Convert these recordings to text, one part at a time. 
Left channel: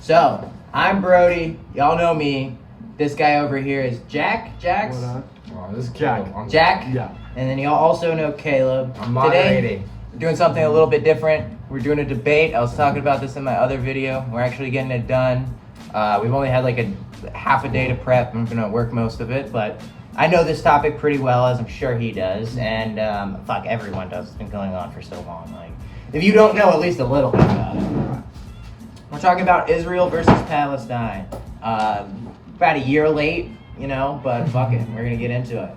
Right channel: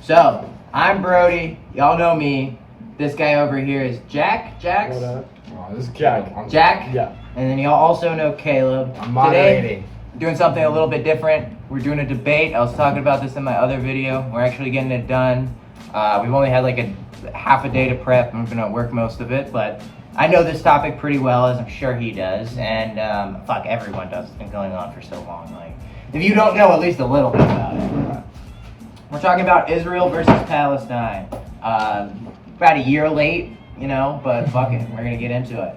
So, I'm Brody. Y'all know me. This guy over here is Jack. Jax? What up? This is Jack. Jack? Yeah. And then y'all also know Caleb. I'm moderating. We're doing something a little bit different. We're doing a debate. I was talking about this in my other video. We're actually getting it done. We've only had like a half a day to prep. I'm gonna work most of it, but I know this topic pretty well, as I'm sure he does, and fuck, everyone does. It's been going on for so long. Like, if you don't know at least a little bit about it. We're talking about Israel versus Palestine. About a year late, you know, but fuck it, we're gonna get into it.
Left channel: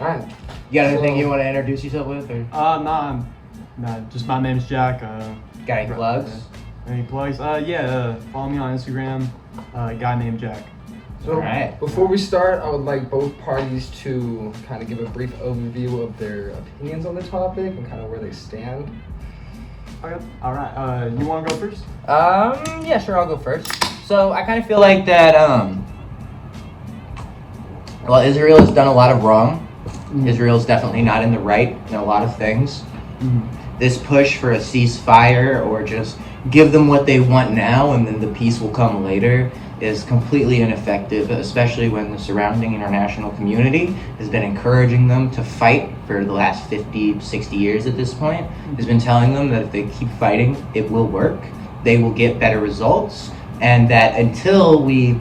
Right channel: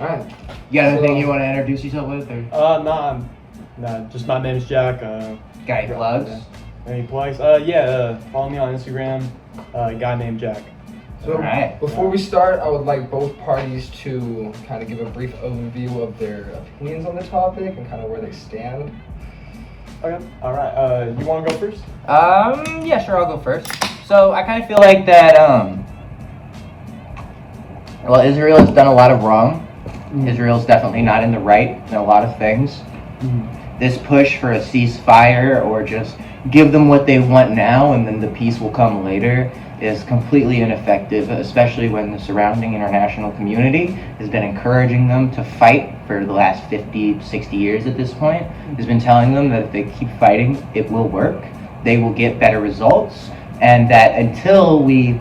All right. You got anything you want to introduce yourself with, or Nah, just my name's Jack. got any plugs? Any plugs? Follow me on Instagram, guy named Jack. So Alright. before we start, I would like both parties to kind of give a brief overview of their opinions on the topic and kind of where they stand. Okay. All right. You want to go first? Yeah, sure, I'll go first. So I kind of feel like that, well, Israel has done a lot of wrong. Israel's definitely not in the right in a lot of things. This push for a ceasefire or just give them what they want now and then the peace will come later is completely ineffective, especially when the surrounding international community has been encouraging them to fight for the last 50, 60 years at this point. Has been telling them that if they keep fighting, it will work. They will get better results, and that until we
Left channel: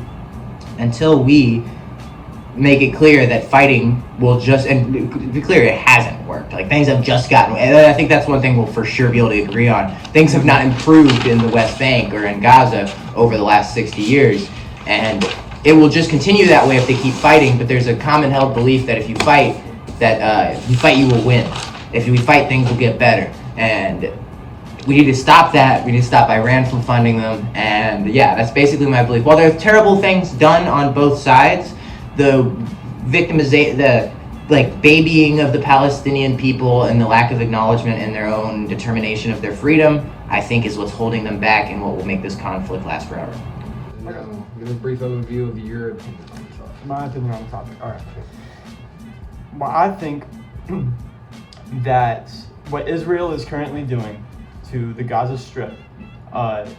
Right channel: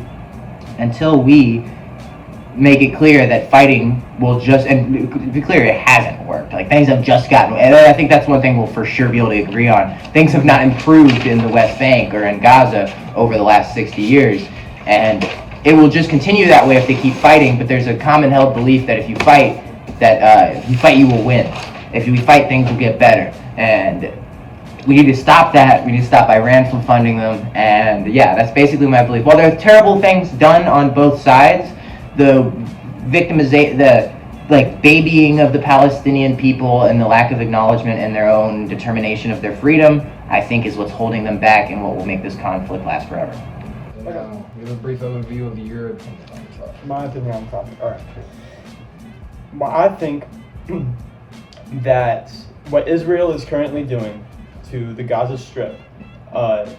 make it clear that fighting will just, and to be clear, it hasn't worked. Like, things have just gotten, and I think that's one thing we'll for sure be able to agree on. Things have not improved in the West Bank or in Gaza over the last 60 years, and it will just continue that way if they keep fighting. But there's a common held belief that if you fight, you will win. If we fight, things will get better, and we need to stop that. We need to stop Iran from funding them, and yeah, that's basically my belief. While there are terrible things done on both sides, the victimization, the babying of the Palestinian people and the lack of acknowledgement and their own determination of their freedom, I think is what's holding them back and what will make this conflict last forever. Give a brief overview of your opinion on the topic. My opinion on the topic. All right. Well, I think that what Israel is currently doing to the Gaza Strip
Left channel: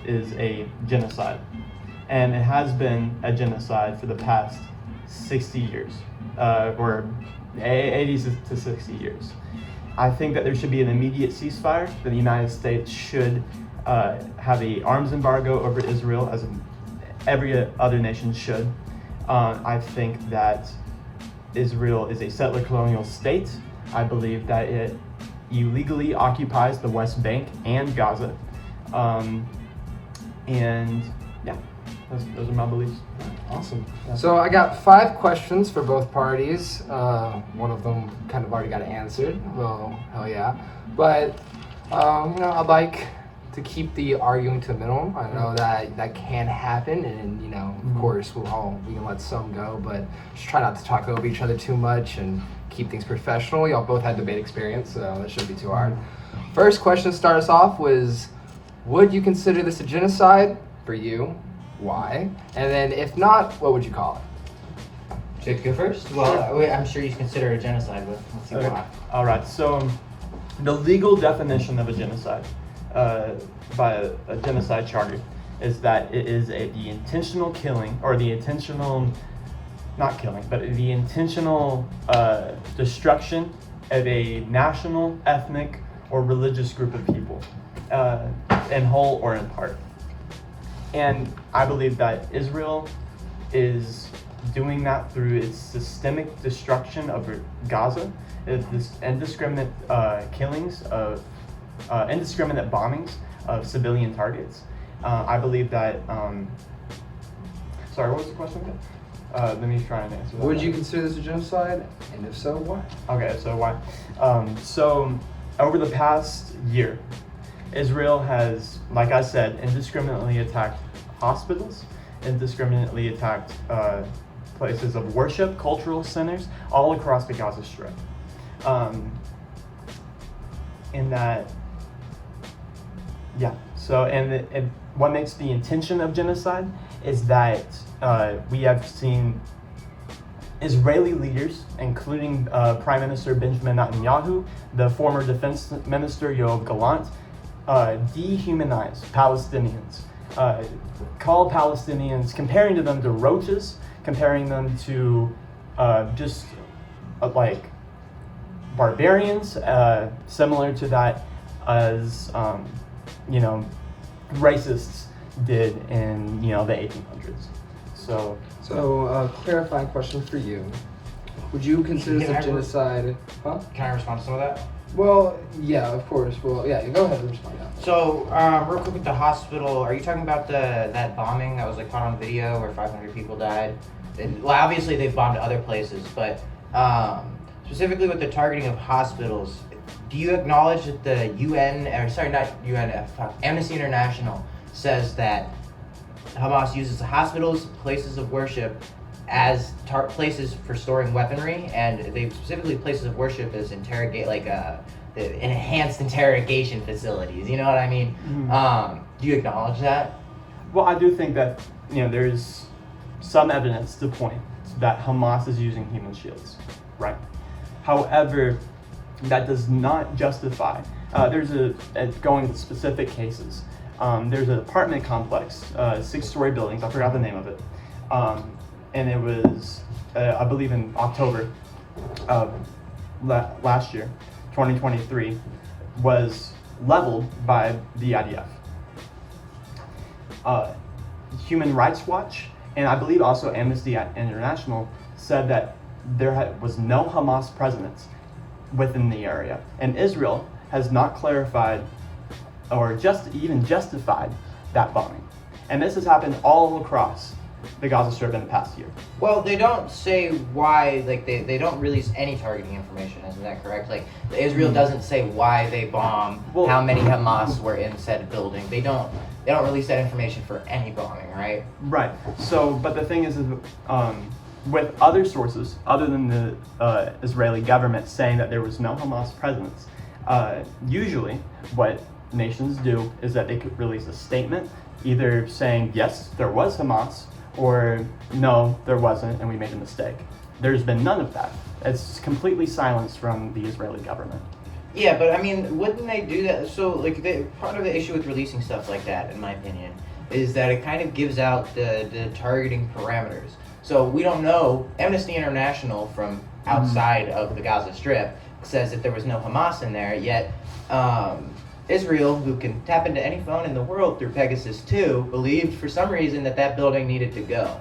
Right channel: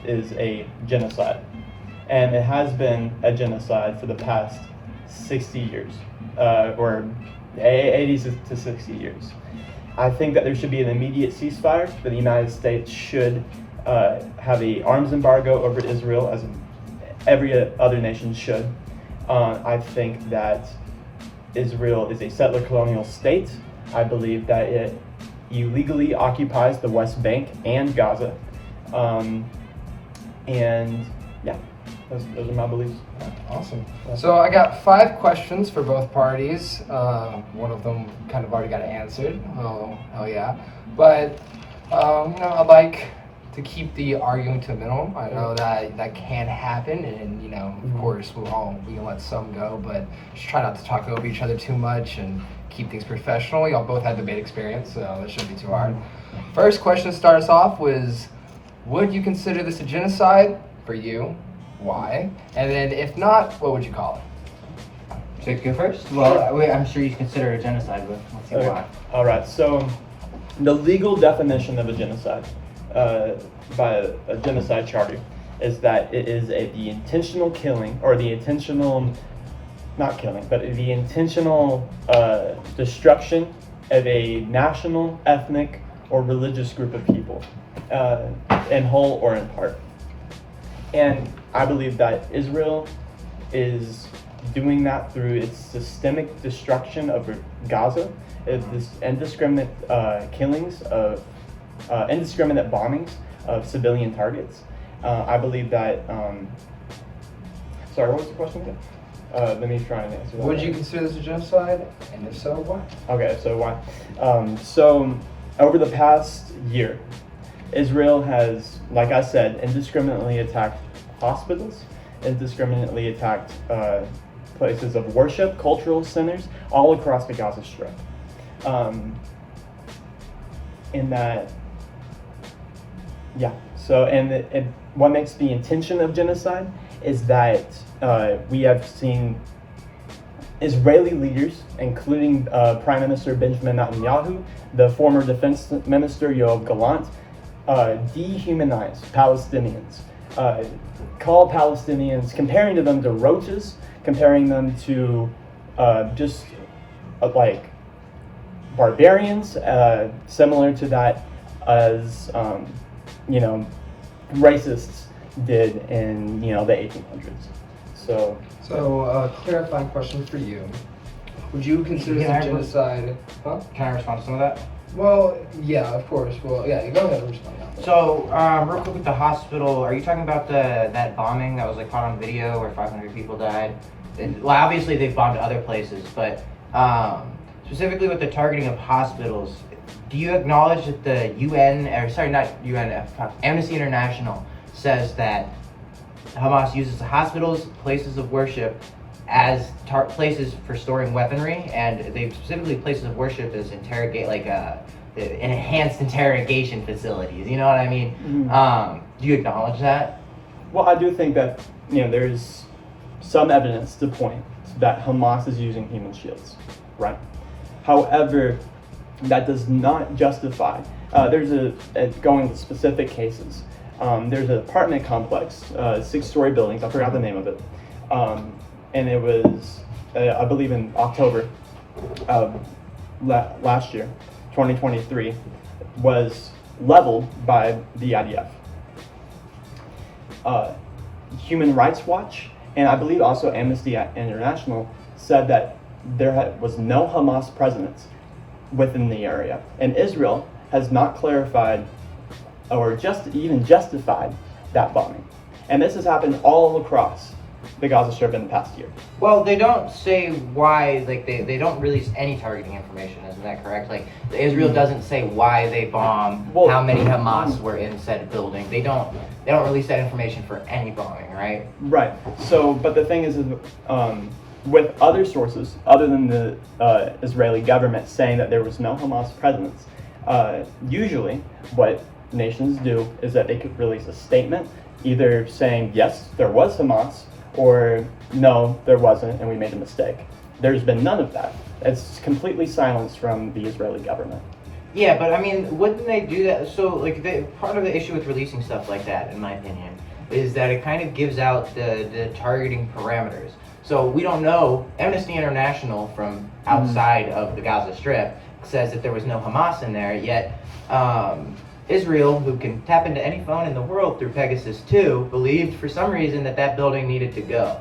is a genocide, and it has been a genocide for the past 60 years, or 80 to 60 years. I think that there should be an immediate ceasefire. That the United States should have an arms embargo over Israel, as every other nation should. I think that Israel is a settler colonial state. I believe that it illegally occupies the West Bank and Gaza. And yeah, those are my beliefs. Awesome. So I got 5 questions for both parties. One of them kind of already got answered. Well, hell yeah. But I'd like to keep the argument to a minimum. I know that can happen, and of course we can let some go, but just try not to talk over each other too much and keep things professional. Y'all both had debate experience, so it shouldn't be too hard. First question to start us off was, would you consider this a genocide for you? Why? And then if not, what would you call it? Should I go first? Well, I'm sure you consider it a genocide, but let's see why. All right. So, the legal definition of a genocide by a genocide charter is that it is the intentional killing, or the intentional, not killing, but the intentional destruction of a national, ethnic, or religious group of people, in whole or in part. And I believe that Israel is doing that through its systemic destruction of Gaza, this indiscriminate killings of indiscriminate bombings of civilian targets. I believe that. Sorry, what was the question again? Let me try and answer that. Would you consider this a genocide? And if so, why? Okay, so why? So over the past year, Israel has, like I said, indiscriminately attacked hospitals, indiscriminately attacked places of worship, cultural centers, all across the Gaza Strip. In that, yeah. So, and what makes the intention of genocide is that we have seen Israeli leaders, including Prime Minister Benjamin Netanyahu, the former Defense Minister Yoav Gallant, dehumanize Palestinians call Palestinians, comparing them to roaches, comparing them to just like barbarians, similar to that as racists did in the 1800s. So clarifying question for you. Would you consider Can I this genocide? Huh? Can I respond to some of that? Well, yeah, of course. Well, yeah, go ahead and respond. So, real quick with the hospital, are you talking about that bombing that was like caught on video where 500 people died? Well, obviously they've bombed other places, but specifically with the targeting of hospitals, do you acknowledge that the Amnesty International says that Hamas uses hospitals, places of worship as places for storing weaponry, and they specifically places of worship as enhanced interrogation facilities. You know what I mean? Mm-hmm. Do you acknowledge that? Well, I do think that there's some evidence to point that Hamas is using human shields, right? However, that does not justify. There's going to specific cases. There's an apartment complex, 6-story buildings. I forgot the name of it, and it was, I believe, in October of last year, 2023, was leveled by the IDF. Human Rights Watch, and I believe also Amnesty International, said that there was no Hamas presence within the area. And Israel has not clarified or even justified that bombing. And this has happened all across the Gaza Strip in the past year. Well, they don't say why, they don't release any targeting information, isn't that correct? Israel doesn't say why they bomb, how many Hamas were in said building. They don't release that information for any bombing, right? Right. So, but the thing is with other sources, other than the Israeli government saying that there was no Hamas presence, usually what nations do is that they could release a statement either saying, yes, there was Hamas, or no, there wasn't, and we made a mistake. There's been none of that. It's completely silenced from the Israeli government. Yeah, but I mean, wouldn't they do that? So, part of the issue with releasing stuff like that, in my opinion, is that it kind of gives out the targeting parameters. So we don't know. Amnesty International from outside of the Gaza Strip says that there was no Hamas in there, yet Israel, who can tap into any phone in the world through Pegasus 2, believed for some reason that building needed to go.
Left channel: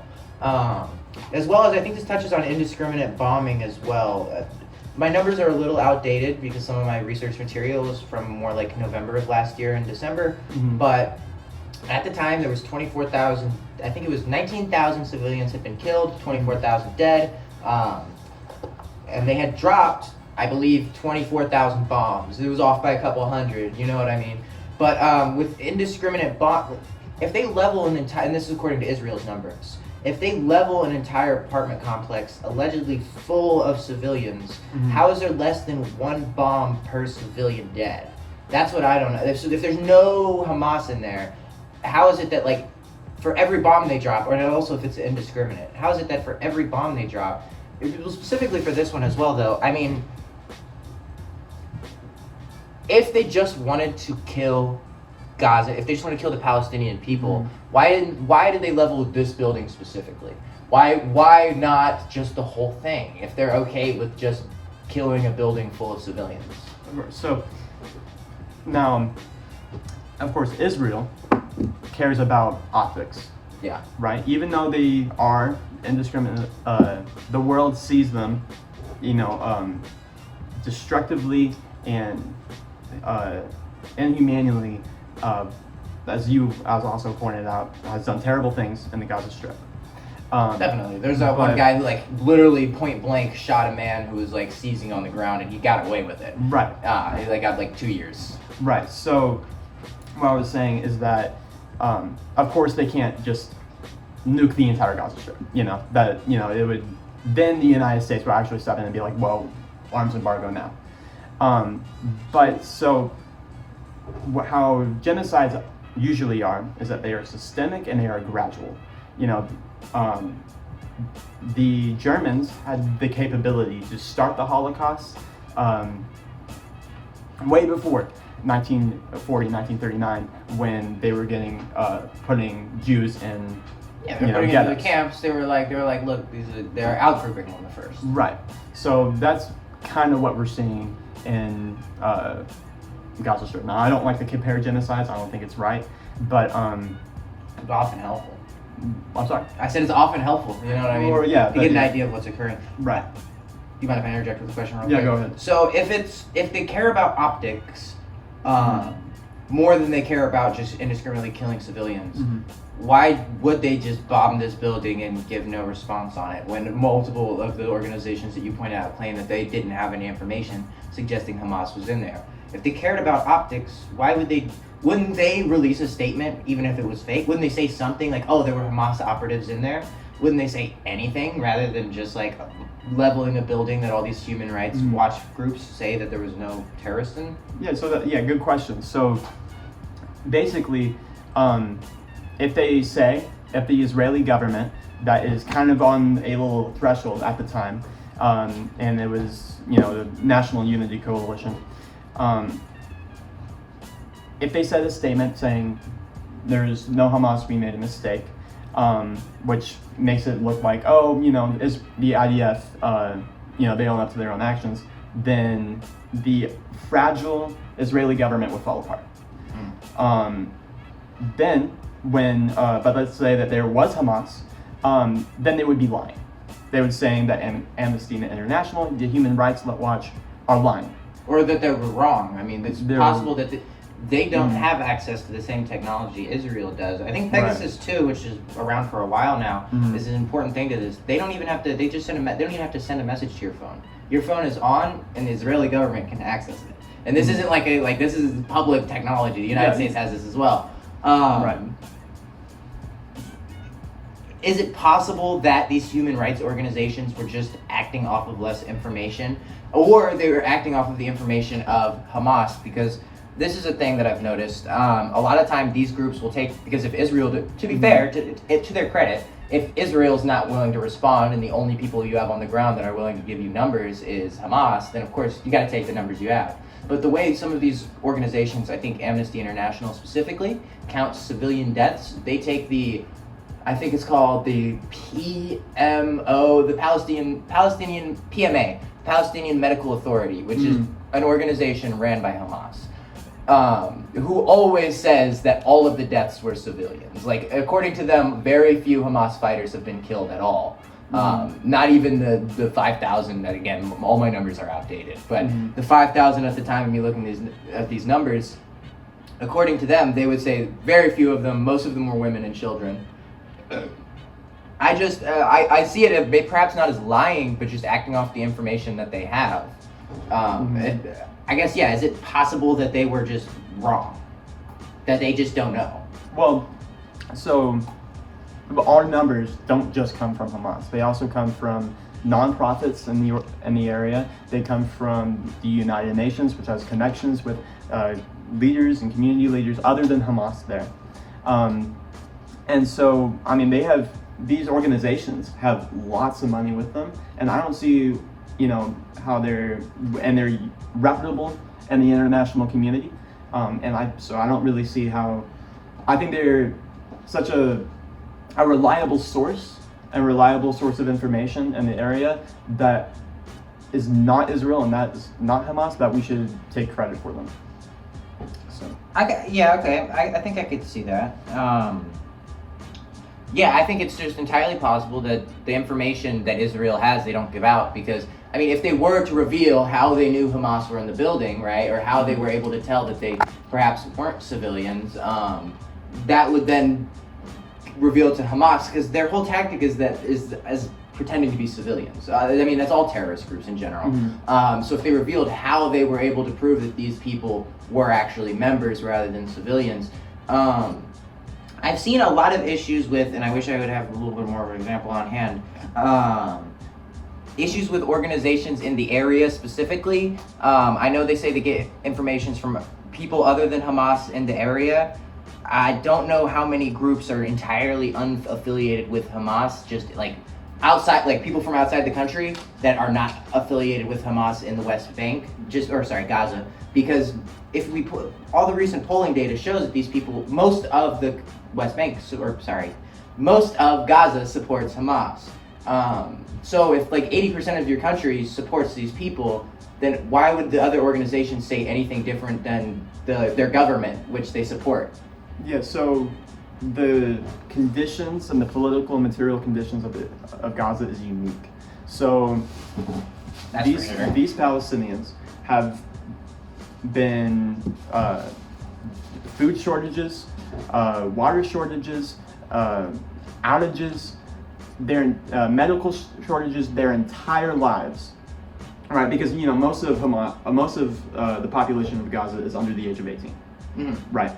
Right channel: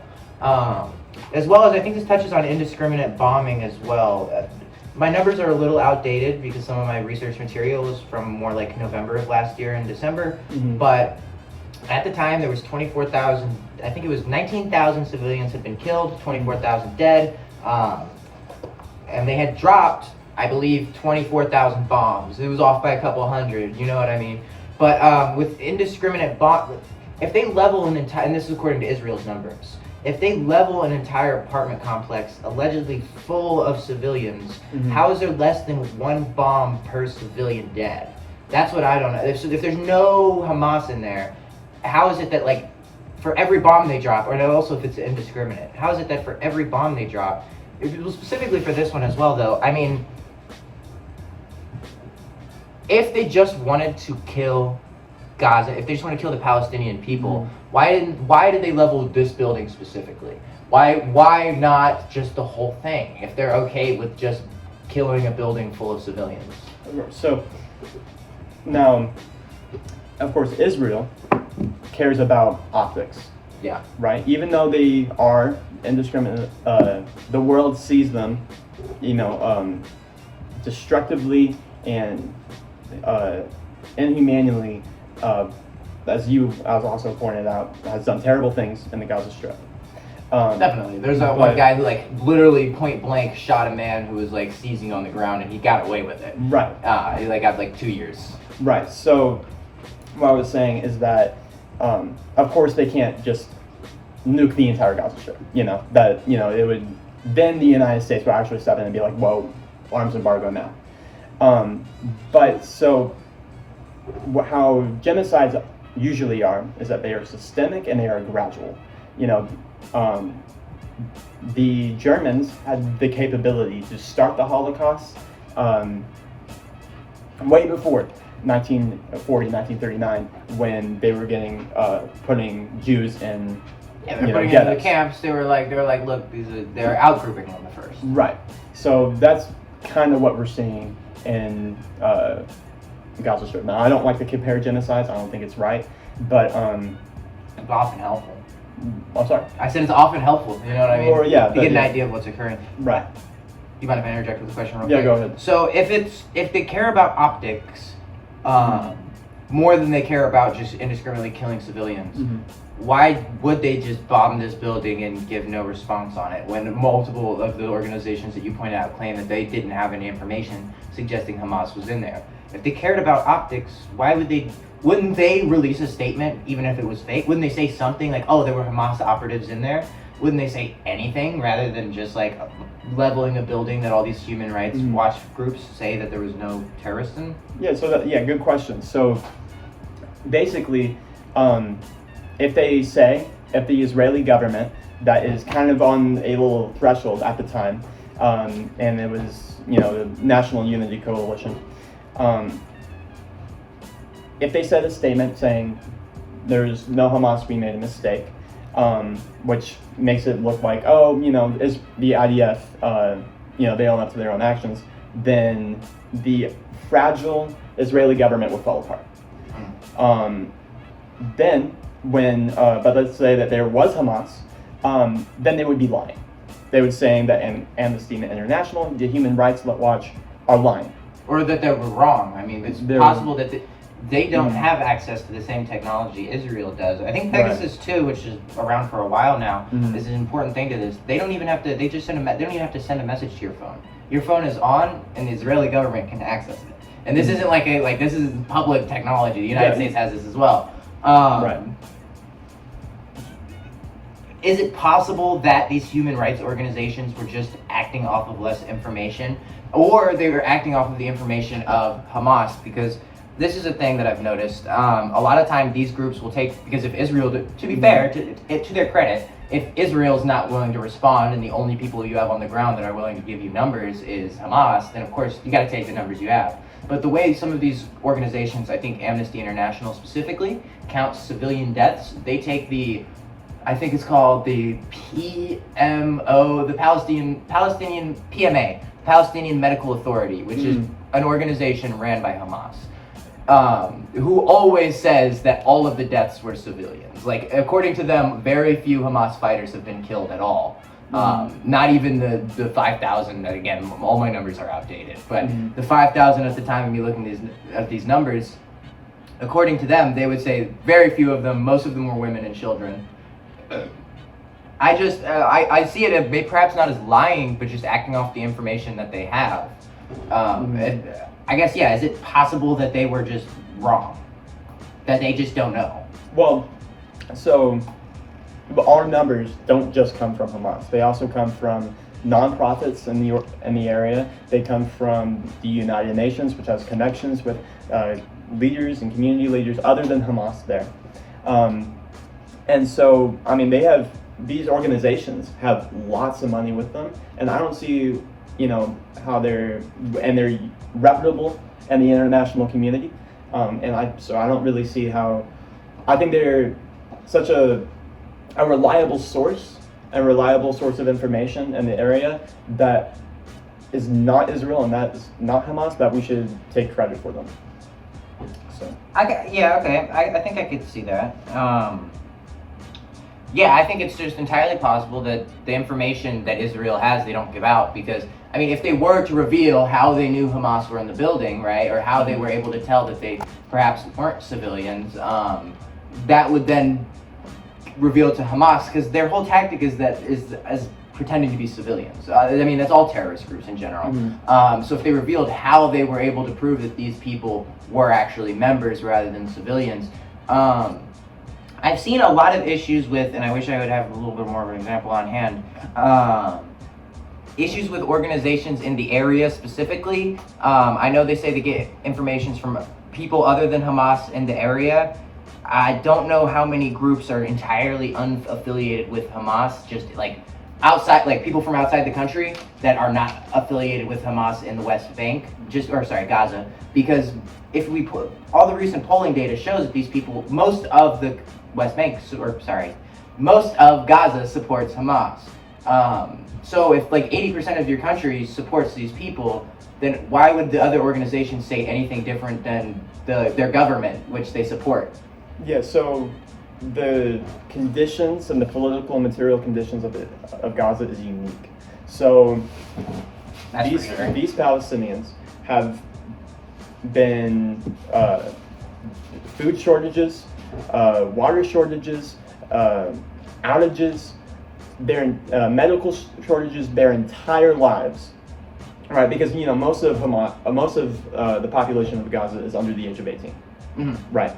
As well as, I think this touches on indiscriminate bombing as well. My numbers are a little outdated because some of my research material is from more like November of last year and December, but at the time there was 24,000, I think it was 19,000 civilians had been killed, 24,000 dead, and they had dropped, I believe, 24,000 bombs. It was off by a couple hundred, you know what I mean? But with indiscriminate if they level an entire, and this is according to Israel's numbers, if they level an entire apartment complex allegedly full of civilians, how is there less than one bomb per civilian dead? That's what I don't know. If there's no Hamas in there, how is it that for every bomb they drop, or also if it's indiscriminate, how is it that for every bomb they drop, specifically for this one as well though, I mean, if they just wanted to kill Gaza, if they just want to kill the Palestinian people, why did they level this building specifically? Why not just the whole thing if they're okay with just killing a building full of civilians? So now, of course, Israel cares about optics. Yeah. Right? Even though they are indiscriminate, the world sees them, destructively and inhumanely, as also pointed out, has done terrible things in the Gaza Strip. Definitely. There's that one guy who literally point blank shot a man who was seizing on the ground, and he got away with it. Right. He got 2 years. Right. So what I was saying is that, of course, they can't just nuke the entire Gaza Strip. It would, then the United States would actually step in and be like, whoa, arms embargo now. But so how genocides usually are is that they are systemic and they are gradual. The Germans had the capability to start the Holocaust way before 1940, 1939, when they were putting Jews in. Yeah, they're putting them in the camps. They were like, look, they're outgrouping them the first. Right. So that's kind of what we're seeing in Gaza Strip. Now, I don't like to compare genocides. I don't think it's right, but it's often helpful. I'm sorry. I said it's often helpful. You know what I mean? Or yeah, you get an idea of what's occurring. Right. You mind if I interject with a question real Yeah, quick? go ahead. So if they care about optics more than they care about just indiscriminately killing civilians, why would they just bomb this building and give no response on it when multiple of the organizations that you pointed out claim that they didn't have any information suggesting Hamas was in there? If they cared about optics, wouldn't they release a statement even if it was fake? Wouldn't they say something like, oh, there were Hamas operatives in there? Wouldn't they say anything rather than just like leveling a building that all these human rights watch groups say that there was no terrorists in? Yeah, good question. So basically, if the Israeli government that is kind of on a little threshold at the time, and it was, the National Unity Coalition, if they said a statement saying there's no Hamas, we made a mistake, which makes it look like, is the IDF, they own up to their own actions, then the fragile Israeli government would fall apart. Then but let's say that there was Hamas, then they would be lying. They would saying that Amnesty International, the Human Rights Watch, are lying. Or that they were wrong. I mean, it's possible that they don't have access to the same technology Israel does. I think Pegasus 2, which is around for a while now, is an important thing to this. They don't even have to. They just send they don't even have to send a message to your phone. Your phone is on, and the Israeli government can access it. And this isn't this is public technology. The United States has this as well. Right. Is it possible that these human rights organizations were just acting off of less information, or they were acting off of the information of Hamas? Because this is a thing that I've noticed. A lot of time these groups will because if Israel, to be fair, to their credit, if Israel's not willing to respond and the only people you have on the ground that are willing to give you numbers is Hamas, then of course you got to take the numbers you have. But the way some of these organizations, I think Amnesty International specifically, counts civilian deaths, they take I think it's called the PMO, the Palestinian PMA, Palestinian Medical Authority, which is an organization ran by Hamas, who always says that all of the deaths were civilians. Like, according to them, very few Hamas fighters have been killed at all. Not even the 5,000, again, all my numbers are outdated, but the 5,000 at the time, when you look at these numbers, according to them, they would say very few of them, most of them were women and children. I see it as perhaps not as lying, but just acting off the information that they have. And I guess, is it possible that they were just wrong? That they just don't know? Well, so our numbers don't just come from Hamas. They also come from nonprofits in the area. They come from the United Nations, which has connections with leaders and community leaders other than Hamas there. And so, I mean, these organizations have lots of money with them, and I don't see, how they're reputable in the international community. So I don't really see how. I think they're such a reliable source of information in the area that is not Israel and that is not Hamas, that we should take credit for them. So. Okay. I think I could see that. I think it's just entirely possible that the information that Israel has, they don't give out, because, I mean, if they were to reveal how they knew Hamas were in the building, right, or how they were able to tell that they perhaps weren't civilians, that would then reveal to Hamas, because their whole tactic is as pretending to be civilians. I mean, that's all terrorist groups in general. So if they revealed how they were able to prove that these people were actually members rather than civilians, I've seen a lot of issues with, and I wish I would have a little bit more of an example on hand, issues with organizations in the area specifically. I know they say they get information from people other than Hamas in the area. I don't know how many groups are entirely unaffiliated with Hamas, just like outside, like people from outside the country that are not affiliated with Hamas in the West Bank, Gaza, because if we put all the recent polling data shows that these people, most of the West Bank, most of Gaza supports Hamas. So if like 80% of your country supports these people, then why would the other organizations say anything different than their government, which they support? Yeah, so the conditions and the political and material conditions of Gaza is unique. So That's these for sure. these Palestinians have been food shortages, water shortages, outages, their medical shortages their entire lives. Right, because most of the population of Gaza is under the age of 18. Mm-hmm. Right.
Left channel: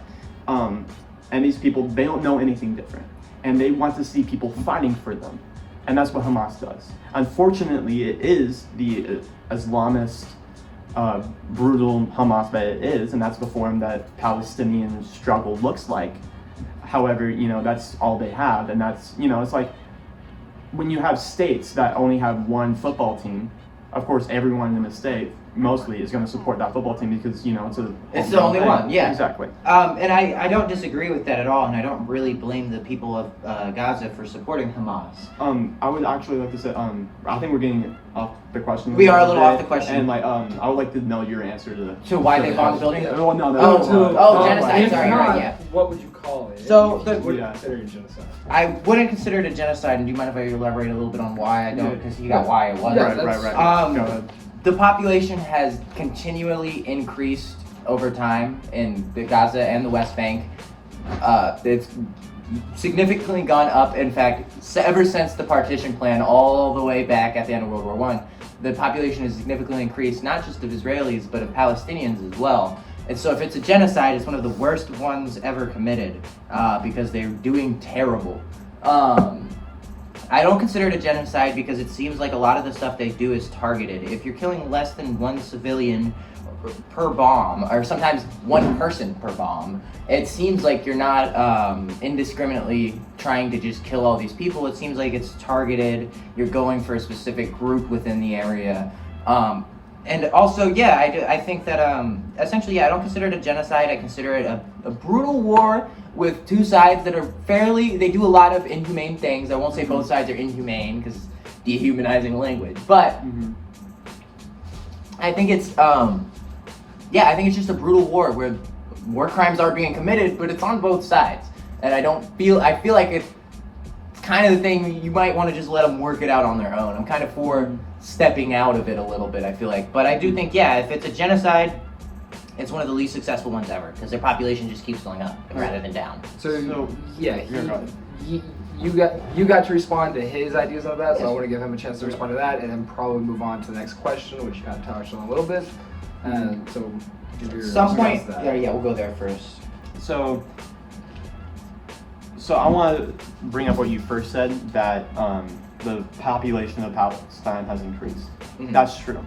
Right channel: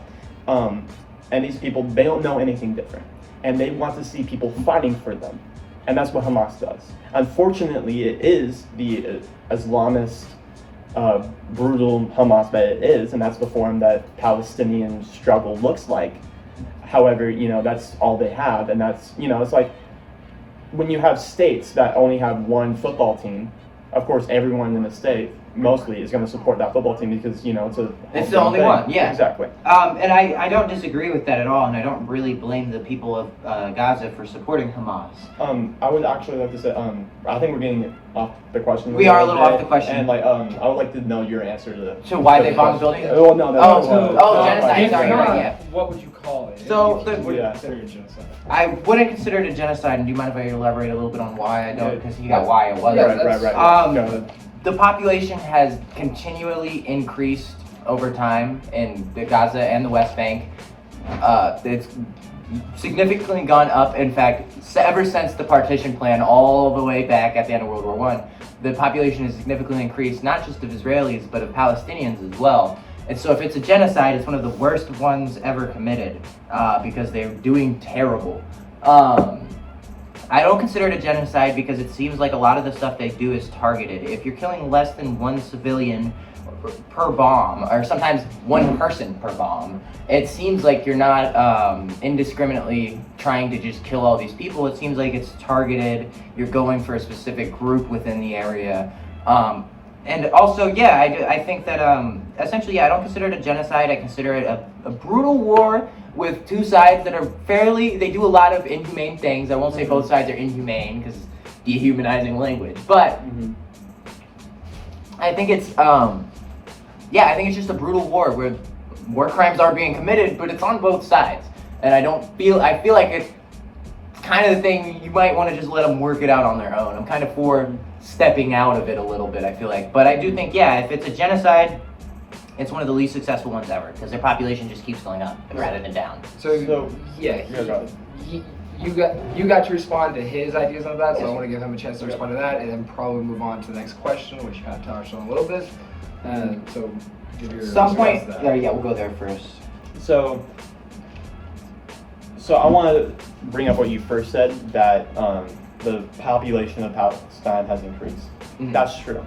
And these people, they don't know anything different. And they want to see people fighting for them. And that's what Hamas does. Unfortunately, it is the Islamist, brutal Hamas that it is, and that's the form that Palestinian struggle looks like. However, that's all they have. And that's, it's like when you have states that only have one football team, of course, everyone in the state mostly is going to support that football team because, It's the only one, yeah. Exactly. And I don't disagree with that at all, and I don't really blame the people of Gaza for supporting Hamas. I would actually like to say, I think we're getting off the question. We are a little off the question. And I would like to know your answer to why to they the bombed question. buildings? Oh, no. Genocide, If sorry, not, right, yeah. what would you call it? So If you would Yeah. consider it genocide. I wouldn't consider it a genocide, and do you mind if I elaborate a little bit on why I don't? Yeah. Because you got why it was. Yeah, Right. that's- Go ahead. The population has continually increased over time in the Gaza and the West Bank. It's significantly gone up. In fact, ever since the partition plan, all the way back at the end of World War I, the population has significantly increased, not just of Israelis, but of Palestinians as well. And so if it's a genocide, it's one of the worst ones ever committed because they're doing terrible. I don't consider it a genocide because it seems like a lot of the stuff they do is targeted. If you're killing less than one civilian per bomb, or sometimes one person per bomb, it seems like you're not indiscriminately trying to just kill all these people. It seems like it's targeted. You're going for a specific group within the area. And also, I think that essentially, I don't consider it a genocide. I consider it a brutal war with two sides that are they do a lot of inhumane things. I won't say both sides are inhumane because it's dehumanizing language, but I think it's I think it's just a brutal war where war crimes are being committed, but it's on both sides. And I feel like it's kind of the thing you might want to just let them work it out on their own. I'm kind of for stepping out of it a little bit, I feel like. But I do think, if it's a genocide, it's one of the least successful ones ever because their population just keeps going up rather than down. So yeah, go ahead. you got to respond to his ideas on that, so I want to give him a chance to respond to that, and then probably move on to the next question, which you kind of touched on a little bit. So, Some point, we'll go there first. So I want to bring up what you first said, that the population of Palestine has increased. Mm-hmm. That's true.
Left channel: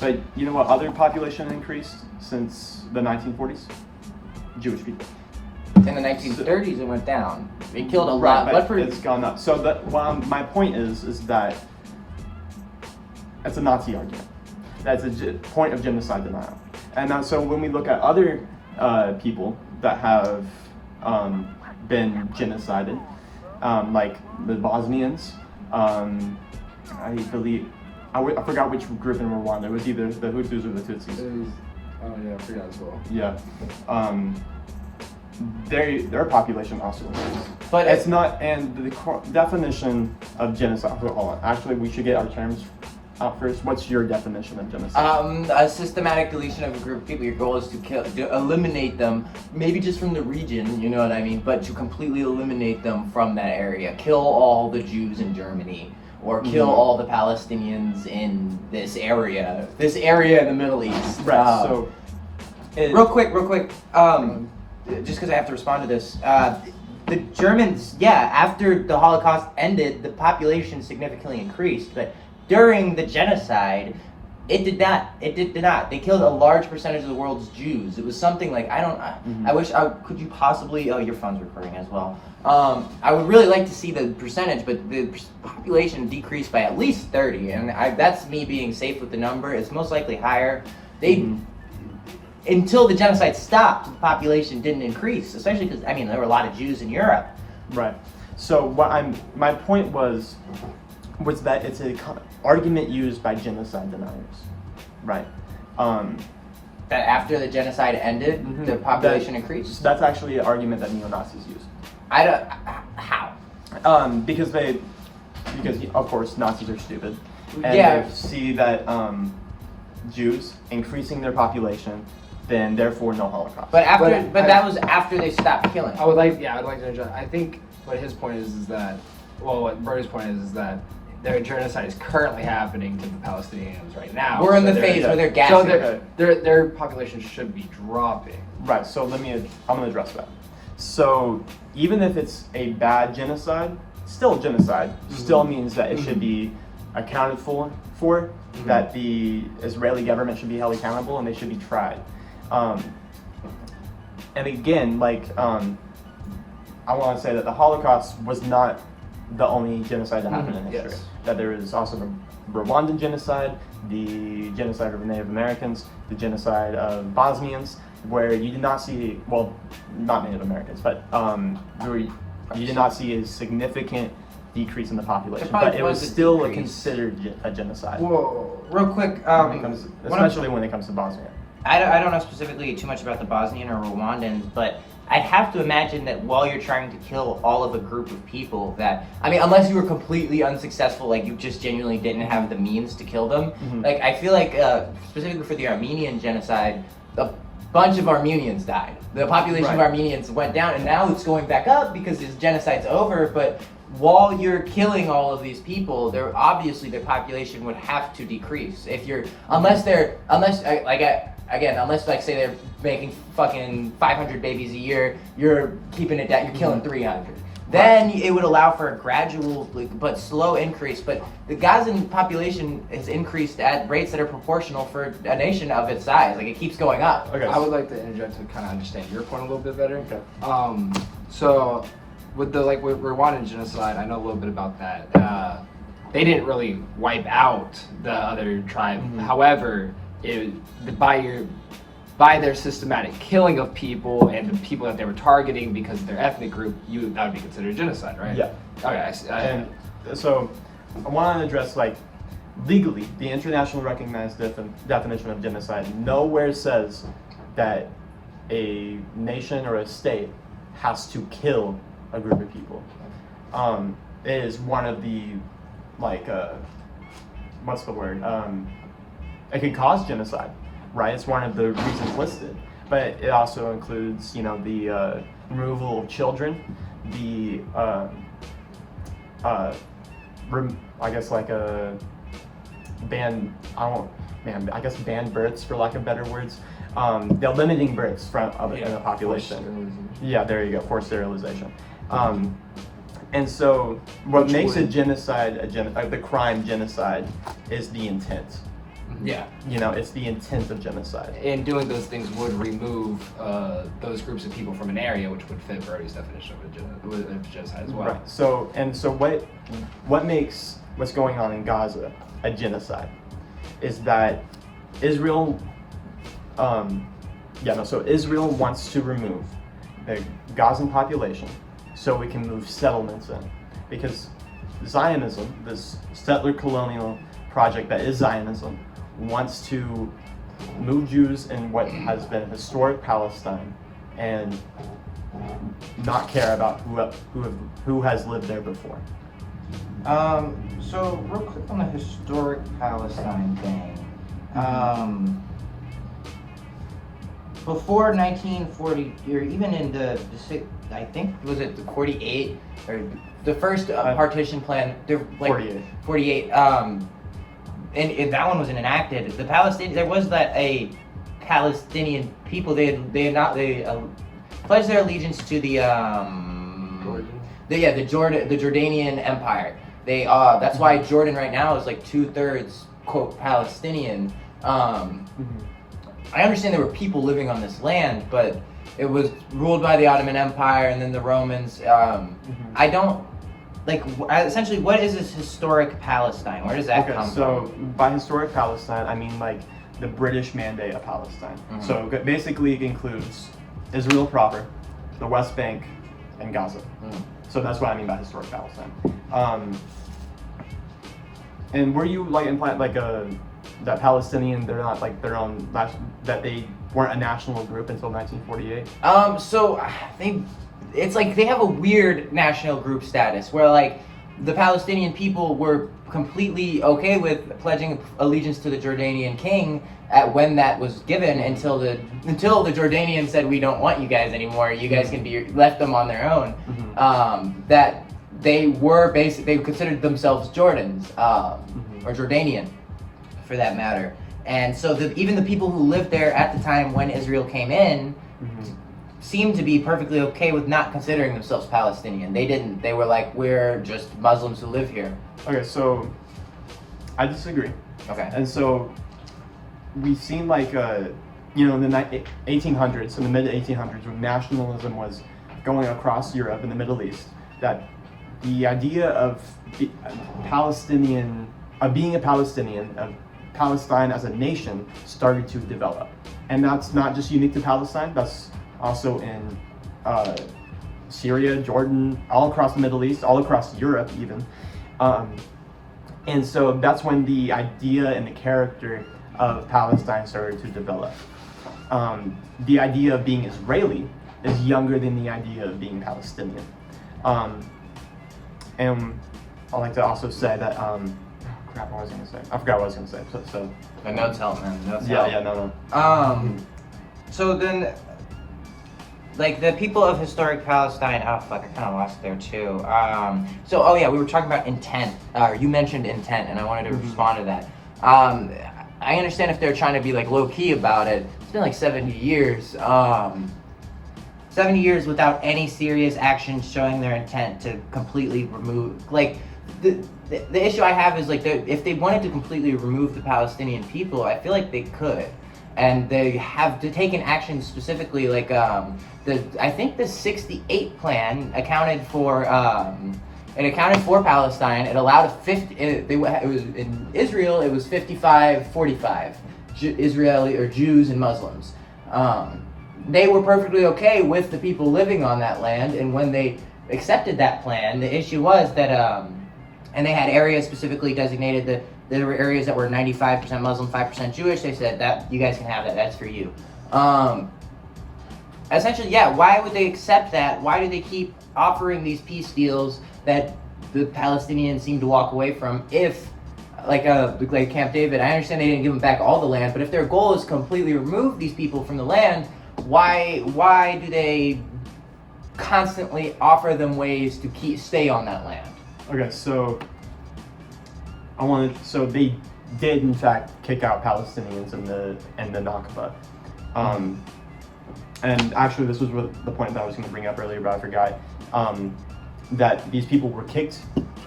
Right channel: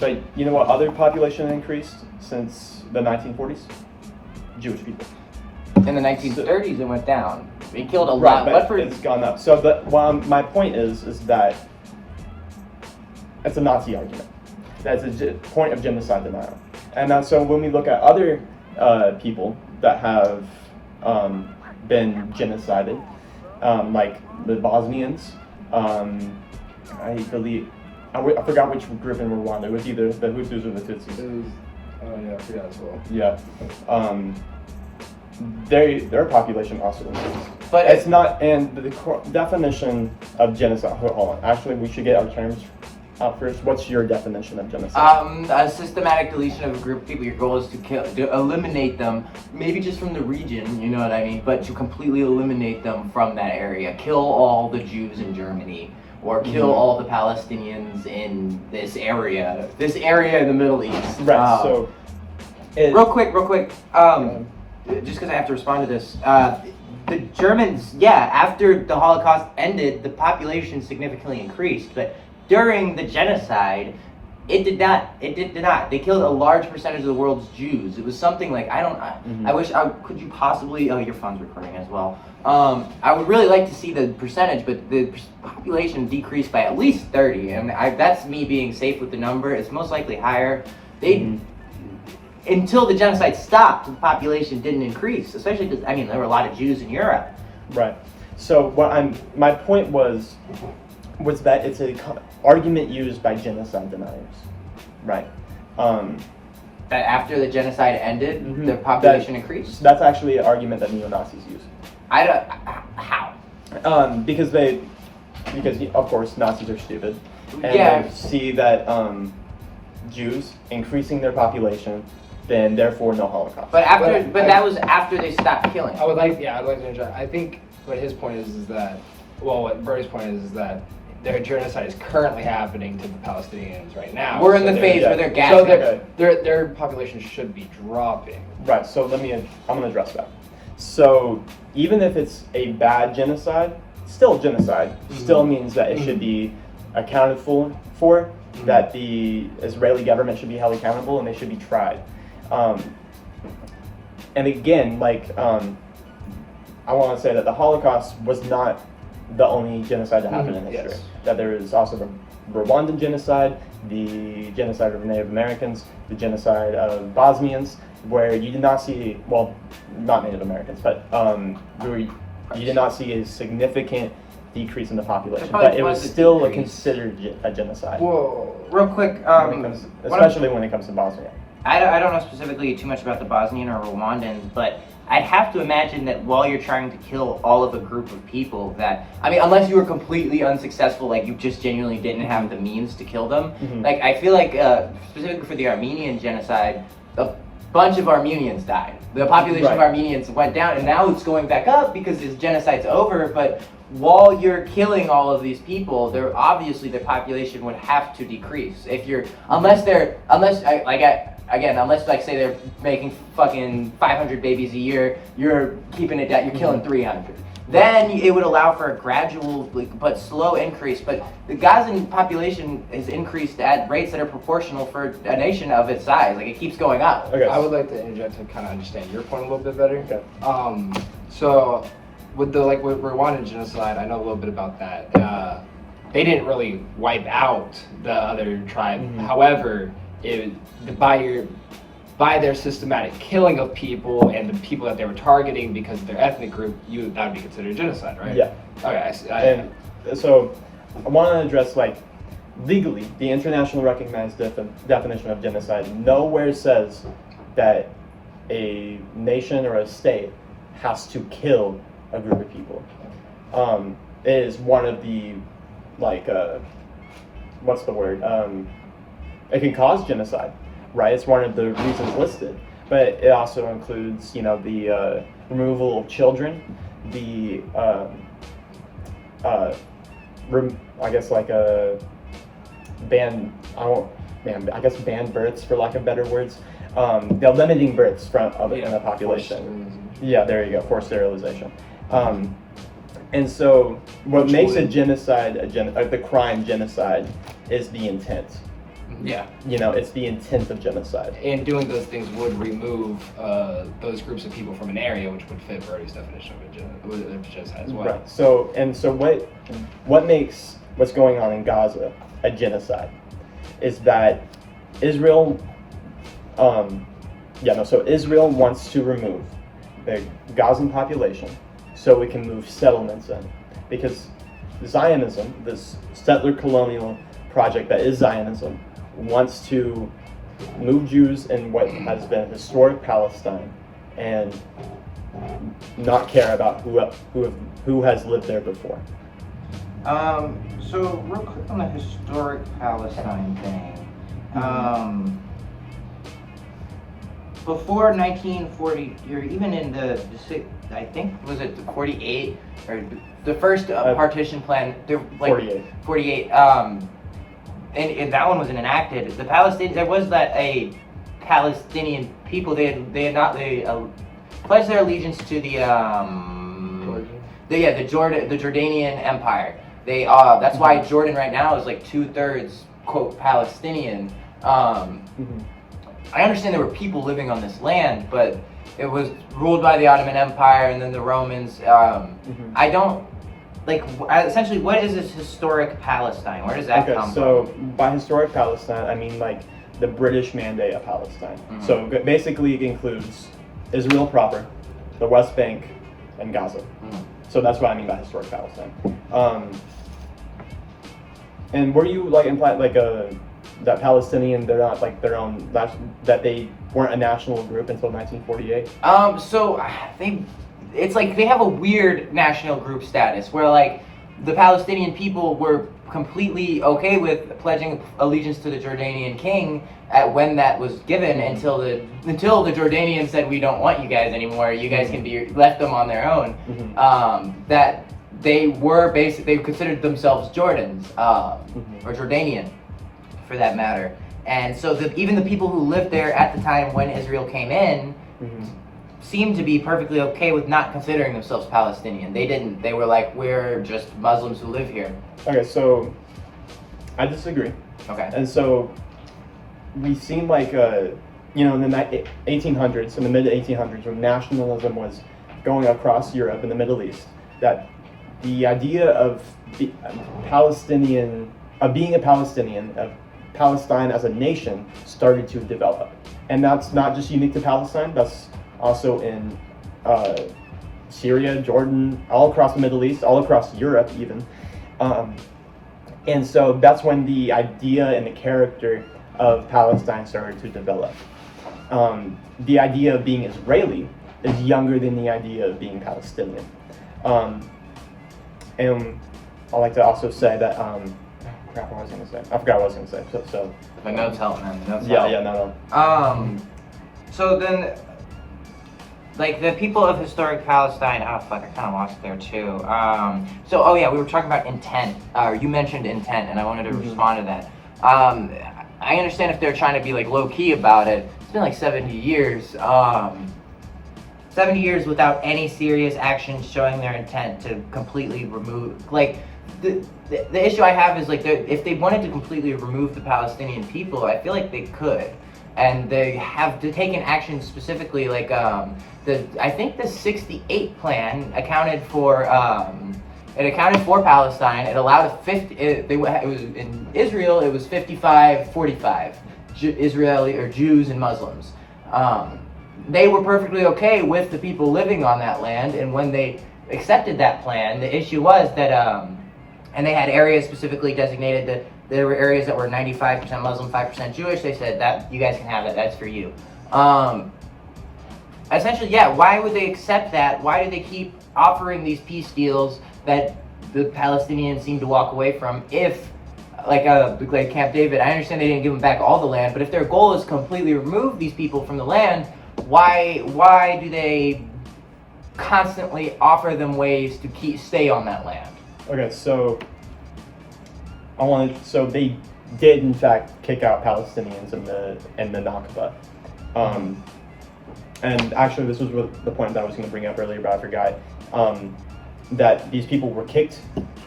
But you know what other population increased since the 1940s? Jewish people. In the 1930s, it went down. It killed a Right, lot. but it's gone up. So my point is that it's a Nazi argument. That's a point of genocide denial. And so when we look at other people that have been genocided, like the Bosnians, I forgot which group in Rwanda. It was either the Hutus or the Tutsis. I forgot as well. Yeah. Their population also increased. But it's not, and the definition of genocide, hold on, actually we should get our terms out first. What's your definition of genocide? A systematic deletion of a group of people. Your goal is to eliminate them, maybe just from the region, you know what I mean, but to completely eliminate them from that area. Kill all the Jews in Germany, or kill all the Palestinians in this area in the Middle East. Right, real quick, just because I have to respond to this. The Germans, after the Holocaust ended, the population significantly increased, but during the genocide, It did not. It did not. They killed a large percentage of the world's Jews. It was something like I wish. Could you possibly? Oh, your phone's recording as well. I would really like to see the percentage, but the population decreased by at least 30, and that's me being safe with the number. It's most likely higher. They until the genocide stopped, the population didn't increase, especially because there were a lot of Jews in Europe. Right. So my point was that it's an argument used by genocide deniers, right? That after the genocide ended, the population increased. That's actually an argument that neo-Nazis use. I don't. How? Because of course Nazis are stupid, and they see that Jews increasing their population, then therefore no Holocaust. But that was after they stopped killing. I'd like to interject. I think what his point is that, what Bernie's point is that their genocide is currently happening to the Palestinians right now. We're in the phase where they're gassing. So their population should be dropping. Right. So I'm going to address that. So even if it's a bad genocide, still genocide, still means that it should be accounted for, that the Israeli government should be held accountable and they should be tried. And again, I want to say that the Holocaust was not the only genocide that happened in history. Yes. That there is also the Rwandan genocide, the genocide of Native Americans, the genocide of Bosnians, where you did not see, well, not Native Americans, but where you did not see a significant decrease in the population, but it was still considered a genocide. Well, real quick, especially when it comes to Bosnia. I don't know specifically too much about the Bosnian or Rwandans, but I'd have to imagine that while you're trying to kill all of a group of people that, unless you were completely unsuccessful, like you just genuinely didn't have the means to kill them, like I feel like specifically for the Armenian genocide, a bunch of Armenians died. The population of Armenians went down, and now it's going back up because this genocide's over, but while you're killing all of these people, obviously their population would have to decrease. Unless say they're making fucking 500 babies a year, you're keeping it down, you're killing 300. Then it would allow for a gradual but slow increase. But the Gazan population has increased at rates that are proportional for a nation of its size. Like it keeps going up. Okay. I would like to interject to kind of understand your point a little bit better. Okay. So with with Rwandan genocide, I know a little bit about that. They didn't really wipe out the other tribe. However, by their systematic killing of people and the people that they were targeting because of their ethnic group, that would be considered genocide, right? Yeah. Okay. So I want to address legally the internationally recognized definition of genocide nowhere says that a nation or a state has to kill a group of people. It is one of the what's the word? It can cause genocide, right? It's one of the reasons listed, but it also includes, the removal of children, the banned births, for lack of better words. The limiting births in a population. Yeah, there you go, forced sterilization. And so what makes a genocide, the crime genocide, is the intent. Yeah. It's the intent of genocide. And doing those things would remove those groups of people from an area, which would fit Brody's definition of genocide as well. Right. So what makes what's going on in Gaza a genocide is that Israel, Israel wants to remove the Gazan population so we can move settlements in, because Zionism, this settler colonial project that is Zionism, wants to move Jews in what has been historic Palestine and not care about who has lived there before. So real quick on the historic Palestine thing. Before 1940, or even in the I think, was it the 48, or the first partition plan, 48, and that one wasn't enacted. The Palestinians, there was a Palestinian people, they pledged their allegiance to the Jordanian Empire. That's why Jordan right now is 2/3 quote Palestinian. I understand there were people living on this land, but it was ruled by the Ottoman Empire and then the Romans. I don't essentially, what is this historic Palestine? Where does that come from? So by historic Palestine, I mean like the British Mandate of Palestine. So basically, it includes Israel proper, the West Bank, and Gaza. So that's what I mean by historic Palestine. And were you like implying like that Palestinian, they're not like their own, that they weren't a national group until 1948? So it's like they have a weird national group status where like the Palestinian people were completely okay with pledging allegiance to the Jordanian king when that was given until the Jordanians said, we don't want you guys anymore, you guys can be left them on their own. That they were they considered themselves Jordans or Jordanian for that matter. And so even the people who lived there at the time when Israel came in seemed to be perfectly okay with not considering themselves Palestinian. They were like, we're just Muslims who live here. Okay, so I disagree. Okay. And so we've seen like, in the 1800s, in the mid 1800s, when nationalism was going across Europe and the Middle East, that the idea of being a Palestinian, of Palestine as a nation started to develop. And that's not just unique to Palestine, that's also in Syria, Jordan, all across the Middle East, all across Europe even. And so that's when the idea and the character of Palestine started to develop. The idea of being Israeli is younger than the idea of being Palestinian. And I like to also say that, crap, what was I going to say? I forgot what I was going to say. So The notes help, man. The notes yeah, help. No. So then, like the people of historic Palestine, oh fuck, I kind of lost there too. We were talking about intent. You mentioned intent, and I wanted to respond to that. I understand if they're trying to be like low key about it. It's been like 70 years. 70 years without any serious action showing their intent to completely remove. Like the issue I have is like if they wanted to completely remove the Palestinian people, I feel like they could. And they have taken action specifically, like I think the '68 plan accounted for Palestine. It allowed it was in Israel. It was 55-45, Israeli or Jews and Muslims. They were perfectly okay with the people living on that land, and when they accepted that plan, the issue was that and they had areas specifically designated that there were areas that were 95% Muslim, 5% Jewish. They said that you guys can have that. That's for you. Essentially, yeah. Why would they accept that? Why do they keep offering these peace deals that the Palestinians seem to walk away from? If, like Camp David, I understand they didn't give them back all the land, but if their goal is to completely remove these people from the land, why do they constantly offer them ways to stay on that land? Okay, so they did in fact kick out Palestinians in the Nakba. And actually this was the point that I was going to bring up earlier, but I forgot. That these people were kicked